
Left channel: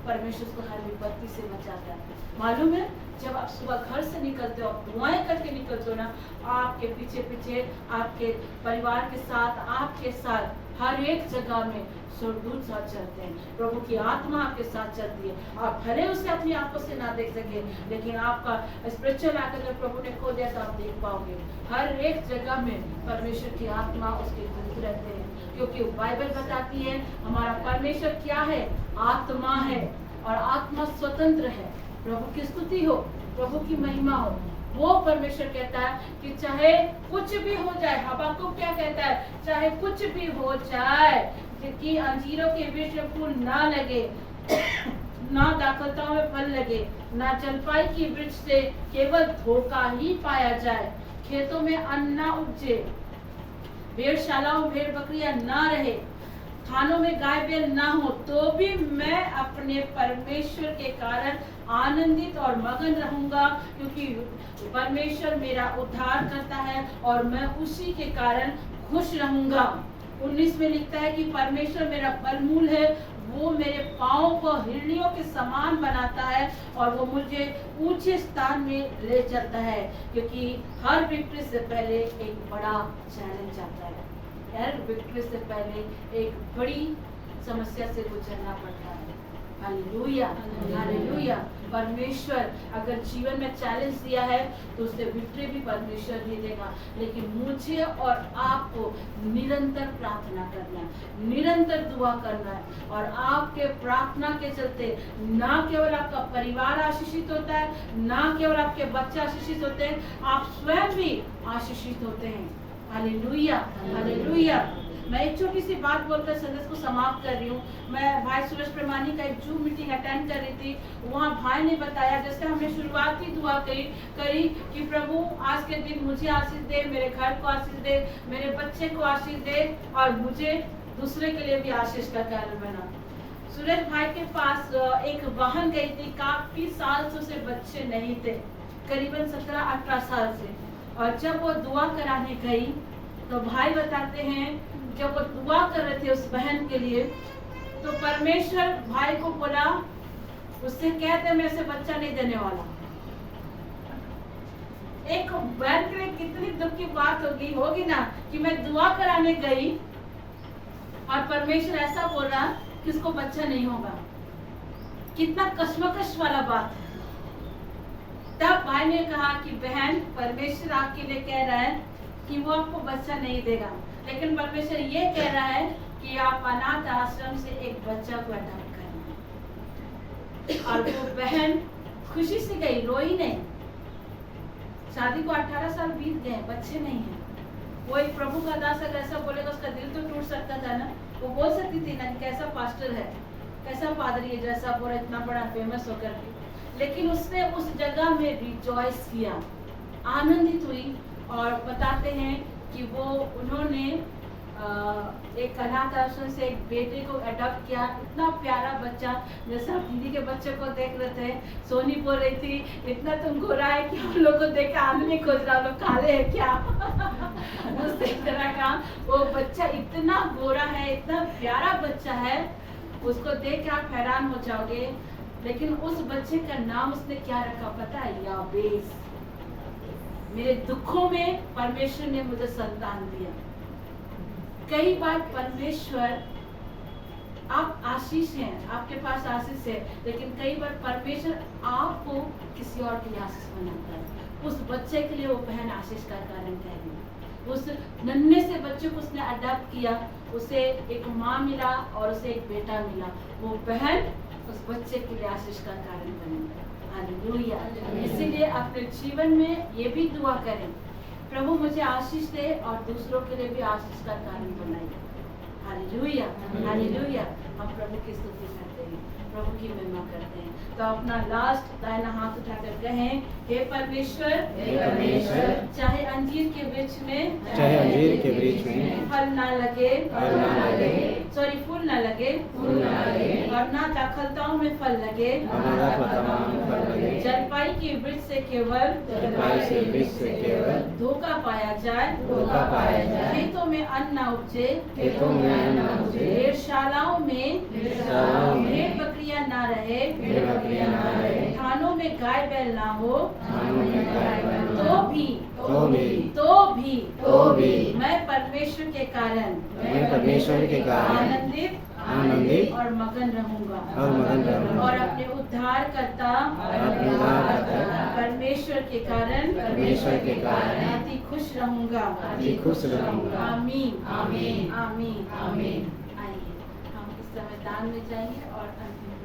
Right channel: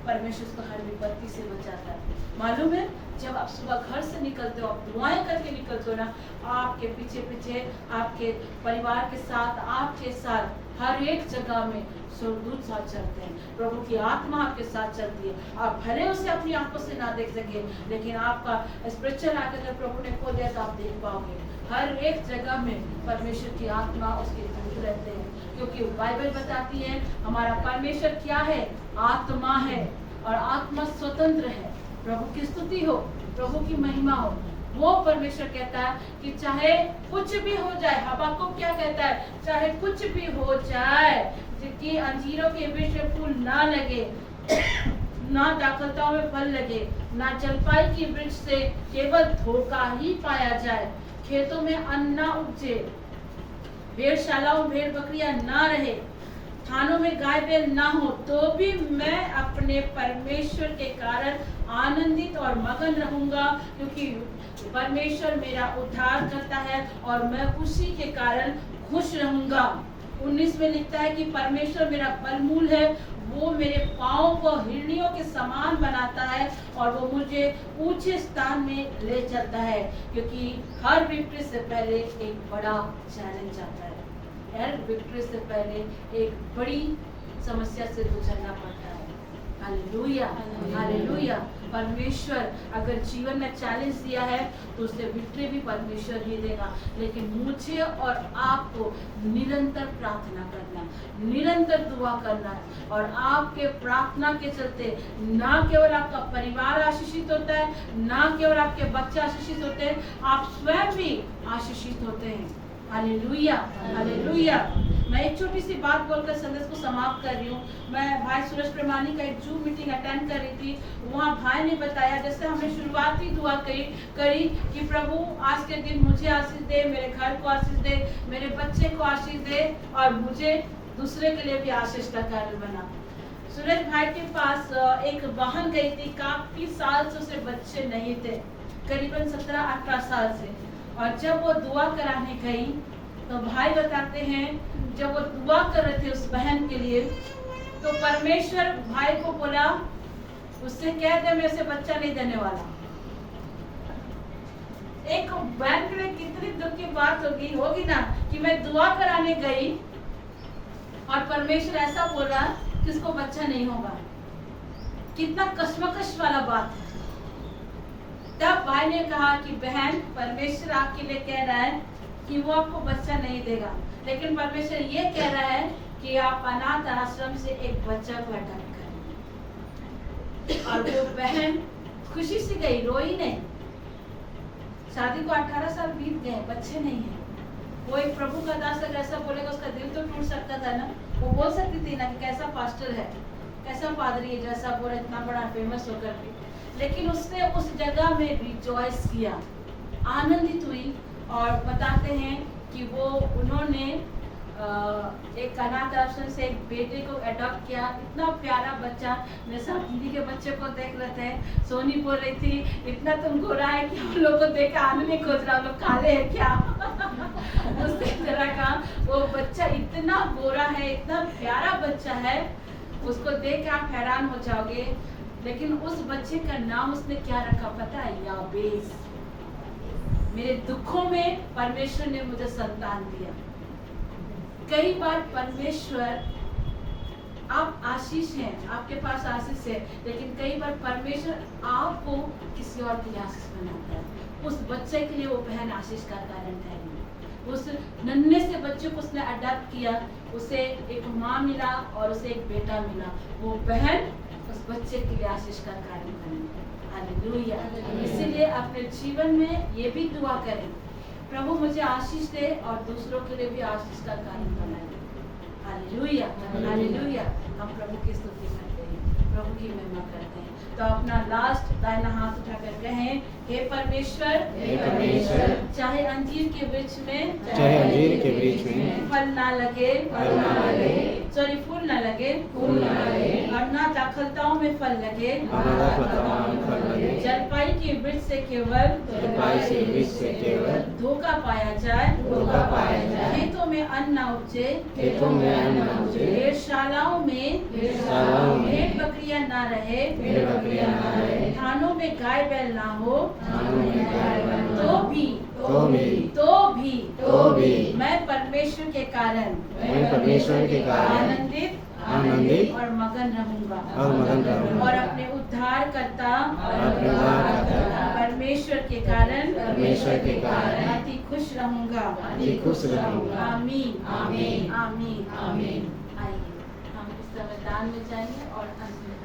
परमेश्वर उसको हर विपत्ति से बचाता है। मालूम है, जब आप सुबह घर से निकलते हो, आप दुआएं करके निकलते हो ना, आपके पीछे पीछे आपके परिवार के साथ, आपके साथ हर एक जगह में स्वर्गदूत साथ चलते हैं। प्रभु की आत्मा आपके साथ चलती है। आप भले उसे अपनी आंखों से ना देख सके, लेकिन आपका स्पिरिचुअल आंख अगर प्रभु ने खो दिया तो आप देख पाओगे। हर एक जगह में परमेश्वर की आत्मा, उसके दूत रहते हैं, क्योंकि बाइबल बताती है हमारा परमेश्वर क्या है, आत्मा है, और आत्मा स्वतंत्र है। प्रभु की स्तुति हो, प्रभु की महिमा हो। वो परमेश्वर कहता है कि चाहे कुछ भी हो जाए, हबक्कुक क्या कहता है, चाहे कुछ भी हो जाए, कि अंजीरों के वृक्ष में फूल ना लगे, ना दाखलताओं में फल लगे, ना जलपाई की वृक्ष से केवल धोखा ही पाया जाए, खेतों में अन्न ना उपजे, भेड़शालाओं भेड़ बकरियां ना रहे, थानों में गाय बैल ना हो, तो भी मैं अपने परमेश्वर के कारण आनंदित और मगन रहूंगा, क्योंकि परमेश्वर मेरा उद्धार करता है और मैं उसी के कारण खुश रहूंगा। 19 में लिखता है कि परमेश्वर मेरा बलमूल है, वो मेरे पाँव को हिरणियों के समान बनाता है और वो मुझे ऊंचे स्थान में ले चलता है, क्योंकि हर विक्ट्री से पहले एक बड़ा चैलेंज आता है। हर विक्ट्री से पहले एक बड़ी समस्या से गुजरना पड़ता है। Hallelujah, hallelujah. परमेश्वर अगर जीवन में चैलेंज दिया है तो उसे विक्ट्री भी परमेश्वर ही देगा, लेकिन मुझे और आपको निरंतर प्रार्थना करना, निरंतर दुआ करना है। और आपके प्रार्थना के चलते ना केवल आपका परिवार आशीषित होता है, ना केवल आपके बच्चे आशीषित होते हैं, आप स्वयं भी आशीषित होते हैं। Hallelujah, hallelujah. मैं एक छोटी सी बात बोलकर संदेश को समाप्त कर रही हूँ। मैं भाई सूरज प्रमाणी का एक जूम मीटिंग अटेंड कर रही थी। वहाँ भाई ने बताया, जैसे हमने शुरुआती दुआ करी कि प्रभु आज के दिन मुझे आशीष दे, मेरे घर को आशीष दे, मेरे बच्चे को आशीष दे और मुझे दूसरे के लिए भी आशीष का कारण बना। सूरज भाई के पास एक बहन गई थी, काफी साल से उसे बच्चे नहीं थे, करीबन 17-18 साल से। और जब वो दुआ कराने गई तो भाई बताते हैं, जब वो दुआ कर रहे थे उस बहन के लिए, तो परमेश्वर भाई को बोला, उससे कह दे मैं उसे बच्चा नहीं देने वाला। एक बहन के लिए कितनी दुख की बात होगी ना, कि मैं दुआ कराने गई और परमेश्वर ऐसा बोला कि उसको बच्चा नहीं होगा। कितना कश्मकश वाला बात है। तब भाई ने कहा कि बहन, परमेश्वर आपके लिए कह रहा है कि वो आपको बच्चा नहीं देगा, लेकिन परमेश्वर ये कह रहा है कि आप अनाथ आश्रम से एक बच्चा को अडॉप्ट करें। और वो बहन खुशी से गई, रोई नहीं। शादी को 18 साल बीत गए, बच्चे नहीं है। वो एक प्रभु का दास अगर ऐसा बोलेगा, उसका दिल तो टूट सकता था ना। वो बोल सकती थी ना कि कैसा पास्टर है, कैसा पादरी है, जैसा बोला इतना बड़ा फेमस होकर भी। लेकिन उसने उस जगह में रिजॉइस किया, आनंदित हुई। और बताते हैं कि वो उन्होंने एक अनाथ आश्रम से एक बेटे को अडॉप्ट किया। इतना प्यारा बच्चा, जैसा दीदी के बच्चे को देख रहे थे। सोनी बोल रही थी, इतना तुम गोरा है कि हम लोग को देख आने नहीं खोज रहा, लोग काले हैं क्या। उस तरह का वो बच्चा इतना गोरा है, इतना प्यारा बच्चा है, उसको देख के आप हैरान हो जाओगे। लेकिन उस बच्चे का नाम उसने क्या रखा पता है? याबेस। मेरे दुखों में परमेश्वर ने मुझे संतान दिया। कई बार परमेश्वर, आप आशीष हैं, आपके पास आशीष है, लेकिन कई बार परमेश्वर आपको किसी और के लिए आशीष बनाता है। उस बच्चे के लिए वो बहन आशीष का कारण ठहरी। उस नन्हे से बच्चे को उसने अडॉप्ट किया, उसे एक माँ मिला और उसे एक बेटा मिला। वो बहन उस बच्चे के लिए आशीष का कारण बनी। हालेलुया। इसीलिए अपने जीवन में ये भी दुआ करें, प्रभु मुझे आशीष दे और दूसरों के लिए भी आशीष का कारण बनाए। Hallelujah, hallelujah. हम प्रभु की स्तुति करते हैं, प्रभु की महिमा करते हैं। तो अपना लास्ट दाहिना हाथ उठाकर कहें, हे परमेश्वर, हे परमेश्वर, चाहे अंजीर के वृक्ष में, चाहे अंजीर के वृक्ष में फल ना लगे, फल ना लगे, सॉरी फूल ना लगे, फूल ना लगे, और ना दाखलताओं में फल लगे, और ना दाखलताओं में फल लगे, जलपाई के वृक्ष से केवल, जलपाई के वृक्ष से केवल धोखा पाया जाए, धोखा पाया जाए, खेतों में अन्न न उपजे, खेतों में अन्न न उपजे, भेड़शालाओं में भेड़ बकरियां ना रहे, भेड़ बकरियां ना रहे, थानों में गाय बैल ना हो, थानों में गाय बैल ना तो हो, भी तो भी मैं परमेश्वर के कारण, मैं परमेश्वर के कारण आनंदित और मगन रहूंगा, और मगन रहूंगा, और अपने उद्धारकर्ता परमेश्वर के कारण अति खुश रहूंगा, अति खुश रहूंगा। आमीन, आमीन, आमीन, आमीन। आइए हम इस समय दान में जाएंगे और अंत में